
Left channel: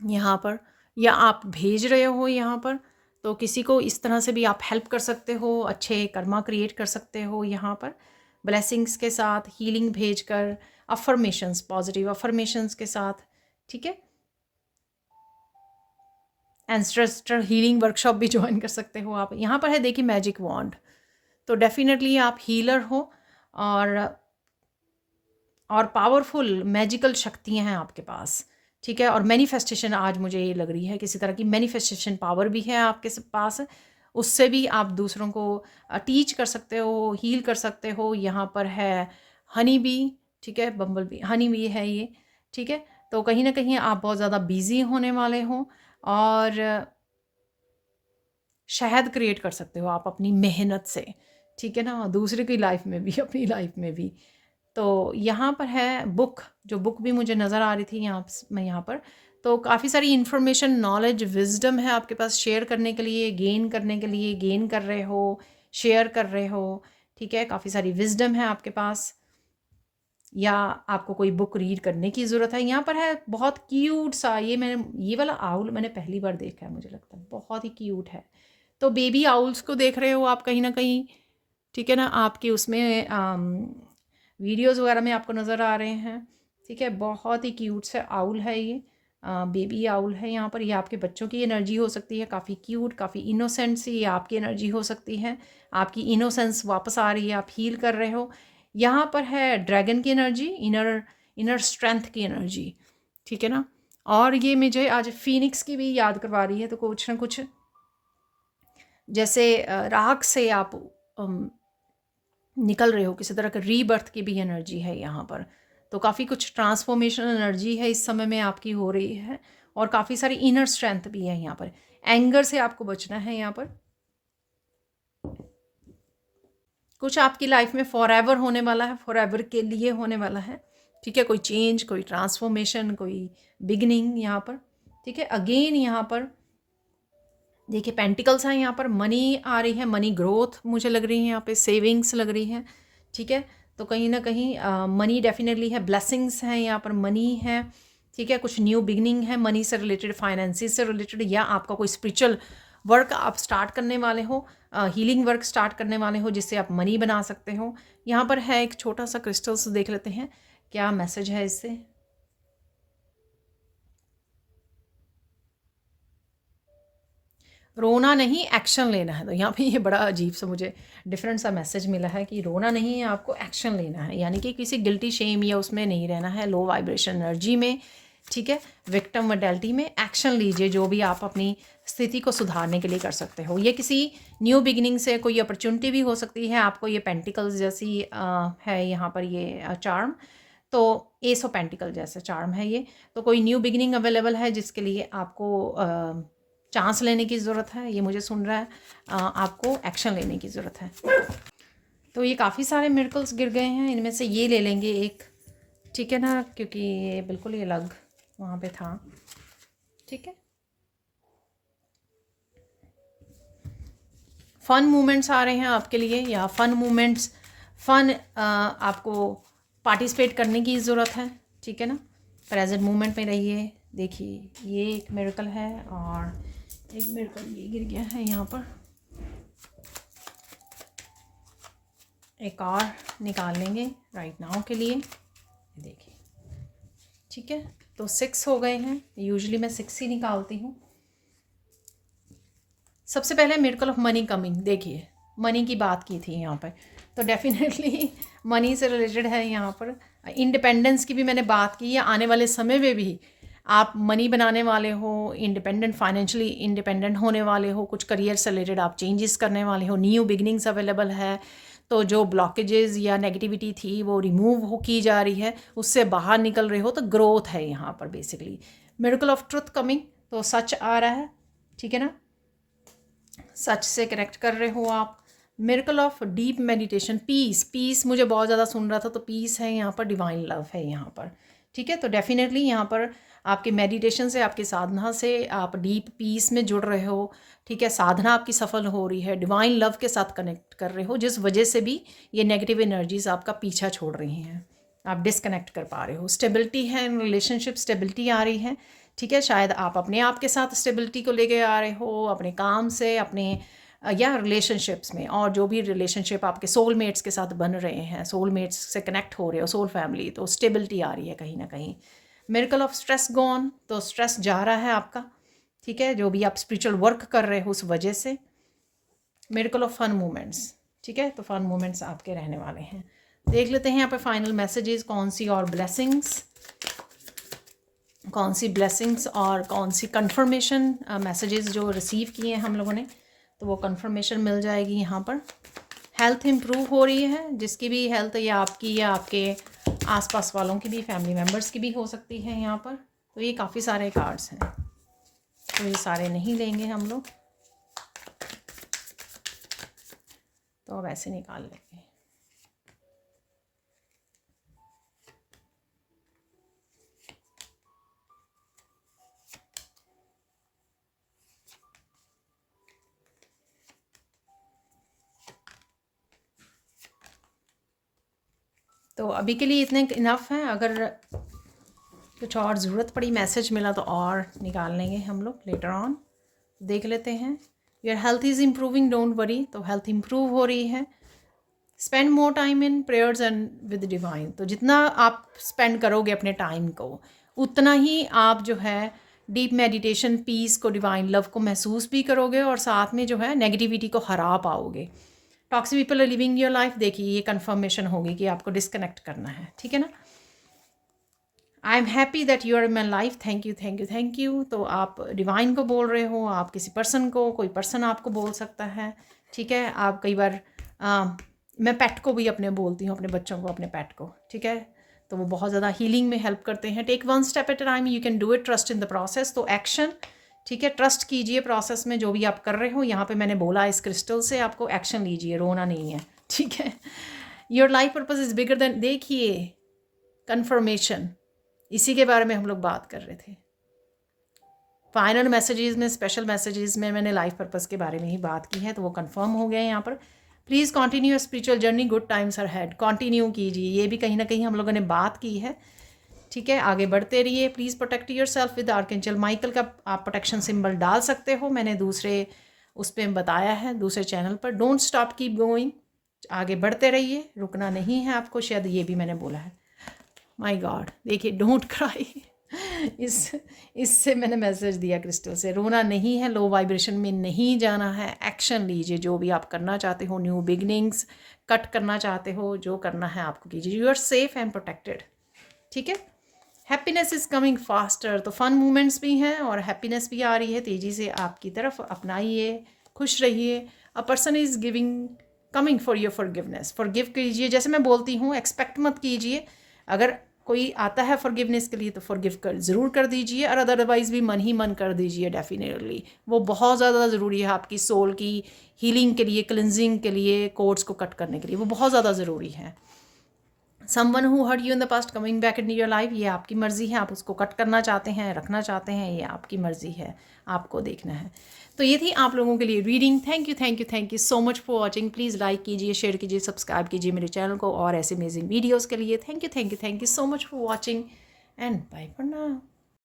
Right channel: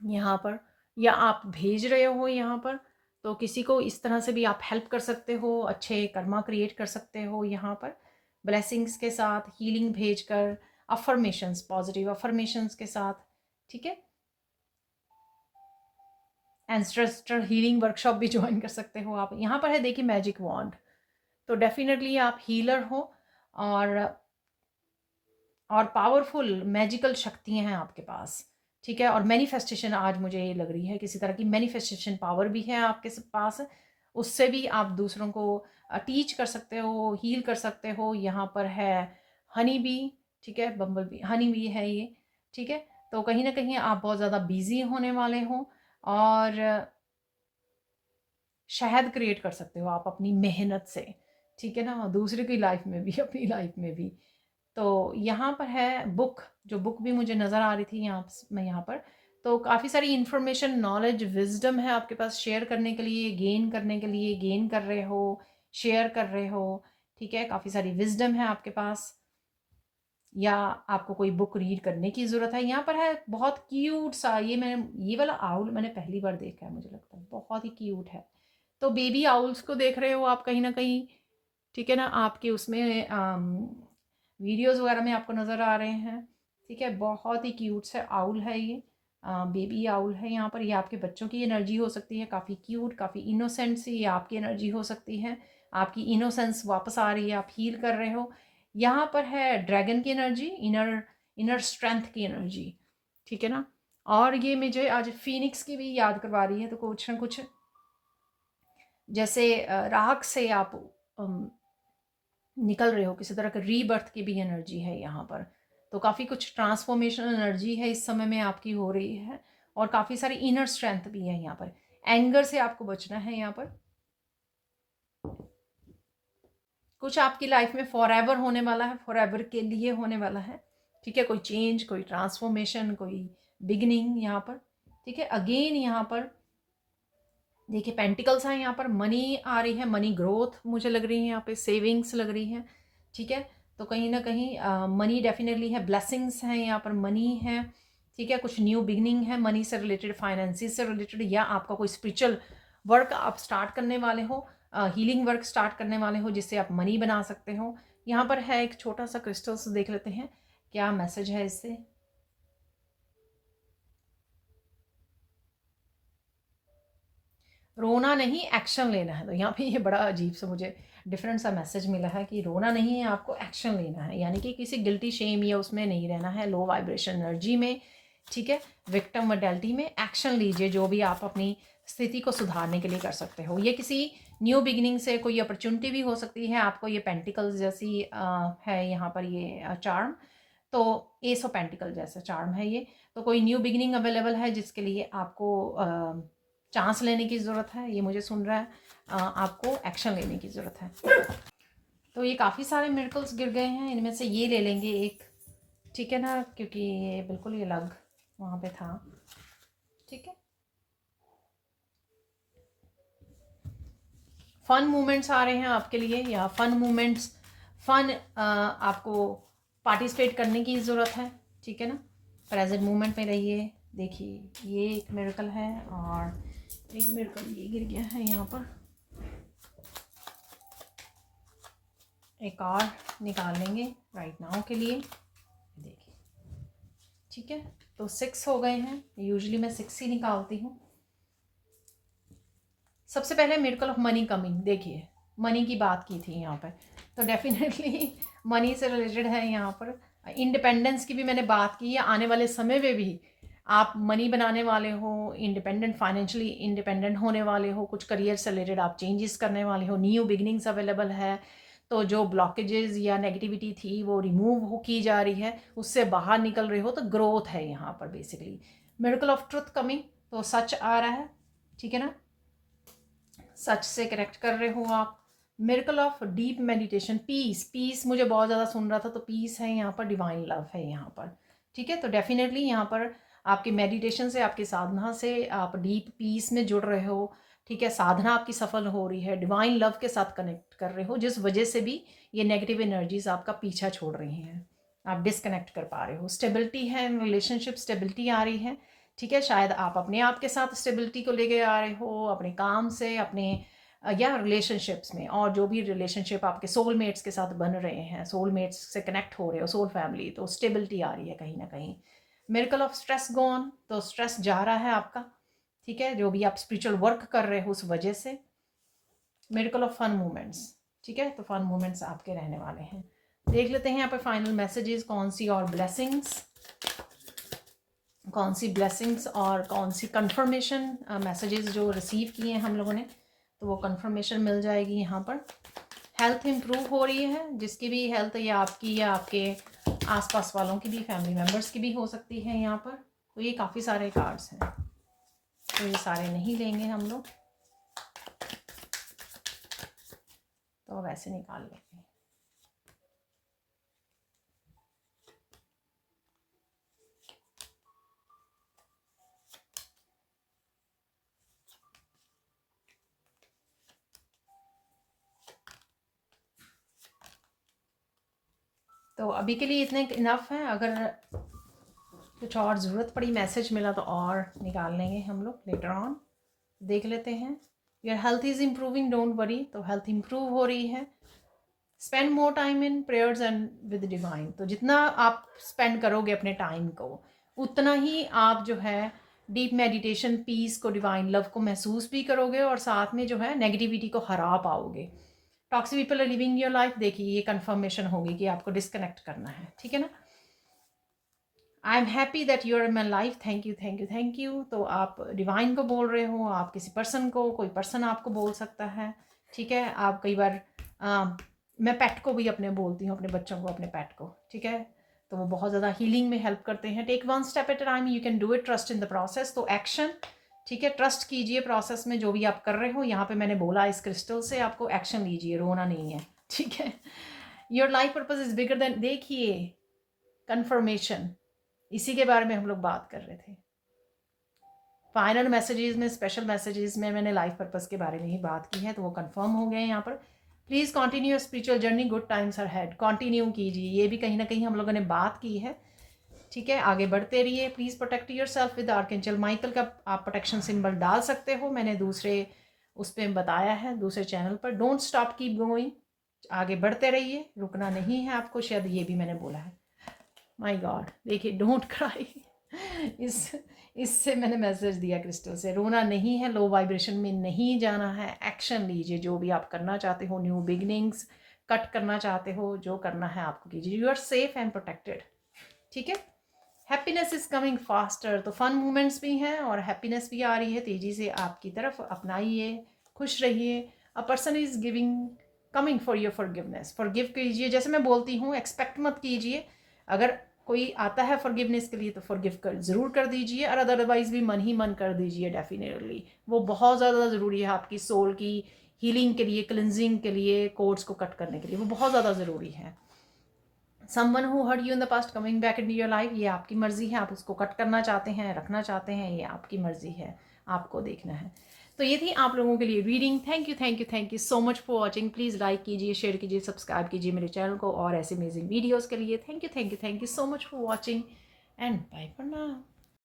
यहाँ पर, या आप भेज रहे हो यहाँ पर, तो किसी को इस तरह से भी आप हेल्प कर सकते हो, अच्छे कर्मा क्रिएट कर सकते हो यहाँ पर ब्लेसिंग्स के साथ, हीलिंग भेजकर, अफर्मेशंस, पॉजिटिव अफर्मेशंस के साथ, ठीक है। एंसेस्ट्रल हीलिंग वर्कशॉप भी ज्वाइन कर सकते हो आप। यहाँ पर है देखिए मैजिक वॉन्ड, तो डेफिनेटली आप हीलर हो और पावरफुल मैजिकल शक्तियाँ हैं आपके पास, ठीक है। और मैनिफेस्टेशन आज मुझे ये लग रही है, किसी तरह की मैनिफेस्टेशन पावर भी है आपके पास, उससे भी आप दूसरों को टीच कर सकते हो, हील कर सकते हो। यहाँ पर है हनी बी, ठीक है, बम्बल बी, हनी बी है ये, ठीक है। तो कहीं ना कहीं आप बहुत ज़्यादा बिजी होने वाले हो और शहद क्रिएट कर सकते हो आप अपनी मेहनत से, ठीक है ना, दूसरे की लाइफ में भी, अपनी लाइफ में भी। तो यहाँ पर है बुक, जो बुक भी मुझे नज़र आ रही थी यहाँ पर, तो काफ़ी सारी इन्फॉर्मेशन, नॉलेज, विजडम है आपके पास शेयर करने के लिए, गेन करने के लिए, गेन कर रहे हो, शेयर कर रहे हो, ठीक है। काफ़ी सारी विजडम है आपके पास, या आपको कोई बुक रीड करने की ज़रूरत है। यहाँ पर है बहुत क्यूट सा, ये वाला आउल मैंने पहली बार देखा है, मुझे लगता है बहुत ही क्यूट है। तो बेबी आउल्स को देख रहे हो आप कहीं ना कहीं, ठीक है ना, आपके उसमें वीडियोज़ वगैरह में आपको नज़र आ रहे हैं, ठीक है। बहुत ही क्यूट सा आउल है ये, बेबी आउल है यहाँ पर। ये आपके बच्चों की एनर्जी हो सकती है, काफ़ी क्यूट, काफ़ी इनोसेंट सी आपकी एनर्जी हो सकती है। आपकी इनोसेंस वापस आ रही है, आप हील कर रहे हो। यहाँ पर है ड्रैगन की एनर्जी, इनर स्ट्रेंथ की एनर्जी, ठीक है ना। और ये मुझे आज फिनिक्स की भी याद करवा रही है, तो कुछ ना कुछ जैसे राख से आप निकल रहे हो, किसी तरह का रीबर्थ की भी एनर्जी है यहाँ पर। तो काफ़ी कुछ ट्रांसफॉर्मेशन एनर्जी है इस समय में आपकी हो रही है, और काफ़ी सारी इनर स्ट्रेंथ भी है यहाँ पर। एंगर से आपको बचना है यहाँ पर। कुछ आपकी लाइफ में फॉर एवर होने वाला है, फॉर एवर के लिए होने वाला है, ठीक है। कोई चेंज, कोई ट्रांसफॉर्मेशन, कोई बिगनिंग यहाँ पर, ठीक है। अगेन यहाँ पर देखिए पेंटिकल्स हैं, यहाँ पर मनी आ रही है, मनी ग्रोथ मुझे लग रही है, यहाँ पे सेविंग्स लग रही है, ठीक है। तो कहीं ना कहीं मनी डेफिनेटली है, ब्लेसिंग्स हैं यहाँ पर, मनी है, ठीक है। कुछ न्यू बिगनिंग है मनी से रिलेटेड, फाइनेंसिस से रिलेटेड, या आपका कोई स्पिरिचुअल वर्क आप स्टार्ट करने वाले हो, हीलिंग वर्क स्टार्ट करने वाले हो, जिससे आप मनी बना सकते हो। यहाँ पर है एक छोटा सा क्रिस्टल्स, देख लेते हैं क्या मैसेज है इससे। रोना नहीं, एक्शन लेना है। तो यहाँ पे ये बड़ा अजीब सा मुझे डिफरेंट सा मैसेज मिला है कि रोना नहीं है, आपको एक्शन लेना है, यानी कि किसी गिल्टी शेम या उसमें नहीं रहना है, लो वाइब्रेशन एनर्जी में, ठीक है, विक्टिम मेंटालिटी में एक्शन लीजिए, जो भी आप अपनी स्थिति को सुधारने के लिए कर सकते हो। ये किसी न्यू बिगिनिंग से कोई अपॉर्चुनिटी भी हो सकती है आपको। ये पेंटिकल्स जैसी है यहाँ पर ये चार्म, तो एस ऑफ पेंटिकल जैसा चार्म है ये। तो कोई न्यू बिगिनिंग अवेलेबल है जिसके लिए आपको चांस लेने की ज़रूरत है, ये मुझे सुन रहा है, आपको एक्शन लेने की ज़रूरत है। तो ये काफ़ी सारे मिरेकल्स गिर गए हैं, इनमें से ये ले लेंगे एक, ठीक है ना, क्योंकि ये बिल्कुल ये अलग वहाँ पे था, ठीक है। फन मोमेंट्स आ रहे हैं आपके लिए, या फन मोमेंट्स, फन आपको पार्टिसिपेट करने की ज़रूरत है, ठीक है ना। प्रेजेंट मोमेंट में रहिए। देखिए ये एक मिरेकल है, और एक मिरेकल ये गिर गया है यहाँ पर, एक और निकाल लेंगे राइट नाउ के लिए, देखिए, ठीक है। तो 6 हो गए हैं, यूजुअली मैं 6 ही निकालती हूँ। सबसे पहले मिरेकल ऑफ मनी कमिंग, देखिए मनी की बात की थी यहाँ पर, तो डेफिनेटली मनी से रिलेटेड है यहाँ पर। इंडिपेंडेंस की भी मैंने बात की है, आने वाले समय में भी आप मनी बनाने वाले हो, इंडिपेंडेंट, फाइनेंशियली इंडिपेंडेंट होने वाले हो, कुछ करियर से रिलेटेड आप चेंजेस करने वाले हो, न्यू बिगनिंग्स अवेलेबल है। तो जो ब्लॉकेजेस या नेगेटिविटी थी वो रिमूव हो की जा रही है, उससे बाहर निकल रहे हो, तो ग्रोथ है यहाँ पर basically. Miracle of truth coming, तो सच आ रहा है, ठीक है ना, सच से कनेक्ट कर रहे हो आप, miracle of deep meditation, peace, peace मुझे बहुत ज़्यादा सुन रहा था, तो पीस है यहाँ पर, डिवाइन लव है यहाँ पर, ठीक है। तो डेफिनेटली यहाँ पर आपके मेडिटेशन से, आपकी साधना से आप डीप पीस में जुड़ रहे हो, ठीक है। साधना आपकी सफल हो रही है, डिवाइन लव के साथ कनेक्ट कर रहे हो, जिस वजह से भी ये नेगेटिव एनर्जीज आपका पीछा छोड़ रही हैं, आप डिस्कनेक्ट कर पा रहे हो। स्टेबिलिटी है, रिलेशनशिप स्टेबिलिटी आ रही है, ठीक है। शायद आप अपने आप के साथ स्टेबिलिटी को लेके आ रहे हो, अपने काम से, अपने या रिलेशनशिप्स में, और जो भी रिलेशनशिप आपके सोलमेट्स के साथ बन रहे हैं, सोलमेट्स से कनेक्ट हो रहे हो, सोल फैमिली, तो स्टेबिलिटी आ रही है कहीं ना कहीं। मिरेकल ऑफ स्ट्रेस गॉन, तो स्ट्रेस जा रहा है आपका, ठीक है, जो भी आप स्पिरिचुअल वर्क कर रहे हो उस वजह से। मिरेकल ऑफ फन मोमेंट्स, ठीक है, तो फन मोमेंट्स आपके रहने वाले हैं। देख लेते हैं यहाँ पे फाइनल मैसेजेस, कौन सी और ब्लेसिंग्स, कौन सी ब्लेसिंग्स और कौन सी कंफर्मेशन मैसेजेस जो रिसीव किए हैं हम लोगों ने, तो वो कंफर्मेशन मिल जाएगी यहाँ पर। हेल्थ इम्प्रूव हो रही है, जिसकी भी हेल्थ, या आपकी या आपके आसपास वालों की भी, फैमिली मेम्बर्स की भी हो सकती है यहाँ पर। तो ये काफ़ी सारे कार्ड्स हैं, तो ये सारे नहीं लेंगे हम लोग, तो अब ऐसे निकाल लेंगे। तो अभी के लिए इतने इनफ है, अगर कुछ और ज़रूरत पड़ी, मैसेज मिला तो और निकाल लेंगे हम लोग लेटर ऑन। देख लेते हैं। Your health is improving, don't worry, तो हेल्थ इम्प्रूव हो रही है। Spend more time in prayers and with divine, तो जितना आप स्पेंड करोगे अपने टाइम को, उतना ही आप जो है डीप मेडिटेशन, पीस को, डिवाइन लव को महसूस भी करोगे, और साथ में जो है नेगेटिविटी को हरा पाओगे। Toxic people are living your life, देखिए ये कंफर्मेशन होगी कि आपको डिस्कनेक्ट करना है, ठीक है ना। I am happy that you are in my life, thank you thank you thank you. तो आप डिवाइन को बोल रहे हो, आप किसी पर्सन को, कोई पर्सन आपको बोल सकता है, ठीक है। आप कई बार मैं पेट को भी अपने बोलती हूँ, अपने बच्चों को, अपने पेट को, ठीक है। तो वो बहुत ज़्यादा हीलिंग में हेल्प करते हैं। Take one step at a time, you can do it, trust in the process, तो एक्शन, ठीक है, ट्रस्ट कीजिए प्रोसेस में, जो भी आप कर रहे हो। यहाँ पे मैंने बोला इस क्रिस्टल से आपको एक्शन लीजिए, रोना नहीं है, ठीक है। Your life purpose is bigger than, देखिए कंफर्मेशन, इसी के बारे में हम लोग बात कर रहे थे। फाइनल मैसेजेस में, स्पेशल मैसेजेस में मैंने लाइफ पर्पस के बारे में ही बात की है, तो वो कंफर्म हो गए यहाँ पर। Please continue spiritual journey, good times are head, continue कीजिए, ये भी कहीं ना कहीं हम लोगों ने बात की है, ठीक है। आगे बढ़ते रहिए। Please protect your self with archangel Michael का आप प्रोटेक्शन सिंबल डाल सकते हो, मैंने दूसरे उस पर बताया है, दूसरे चैनल पर। डोंट स्टॉप, कीप गोइंग, आगे बढ़ते रहिए, रुकना नहीं है आपको, शायद ये भी मैंने बोला है। माय गॉड, देखिए डोंट क्राई, इससे मैंने मैसेज दिया क्रिस्टल से, रोना नहीं है, लो वाइब्रेशन में नहीं जाना है, एक्शन लीजिए, जो भी आप करना चाहते हो, न्यू बिगनिंग्स कट करना चाहते हो, जो करना है आपको कीजिए। You are safe and protected, ठीक है। हैप्पीनेस इज़ कमिंग फास्टर, तो फन मूवमेंट्स भी हैं और हैप्पीनेस भी आ रही है तेज़ी से आपकी तरफ, अपनाइए, खुश रहिए। A person is giving, coming for your forgiveness, forgive कीजिए, जैसे मैं बोलती हूँ, एक्सपेक्ट मत कीजिए, अगर कोई आता है फॉरगिवनेस के लिए तो फॉरगिव कर ज़रूर कर दीजिए, और अदरवाइज़ भी मन ही मन कर दीजिए, डेफिनेटली वो बहुत ज़्यादा ज़रूरी है आपकी सोल की हीलिंग के लिए, क्लिनजिंग के लिए, कोड्स को कट करने के लिए, वो बहुत ज़्यादा ज़रूरी है। Someone who hurt you in the past coming back in your life, ये आपकी मर्ज़ी है, आप उसको कट करना चाहते हैं, रखना चाहते हैं, ये आपकी मर्ज़ी है, आपको देखना है। तो ये थी आप लोगों के लिए reading. Thank you thank you thank you so much for watching. Please like कीजिए, शेयर कीजिए, सब्सक्राइब कीजिए मेरे चैनल को और ऐसे अमेजिंग वीडियोज़ के लिए। Thank you so much for watching and bye for now.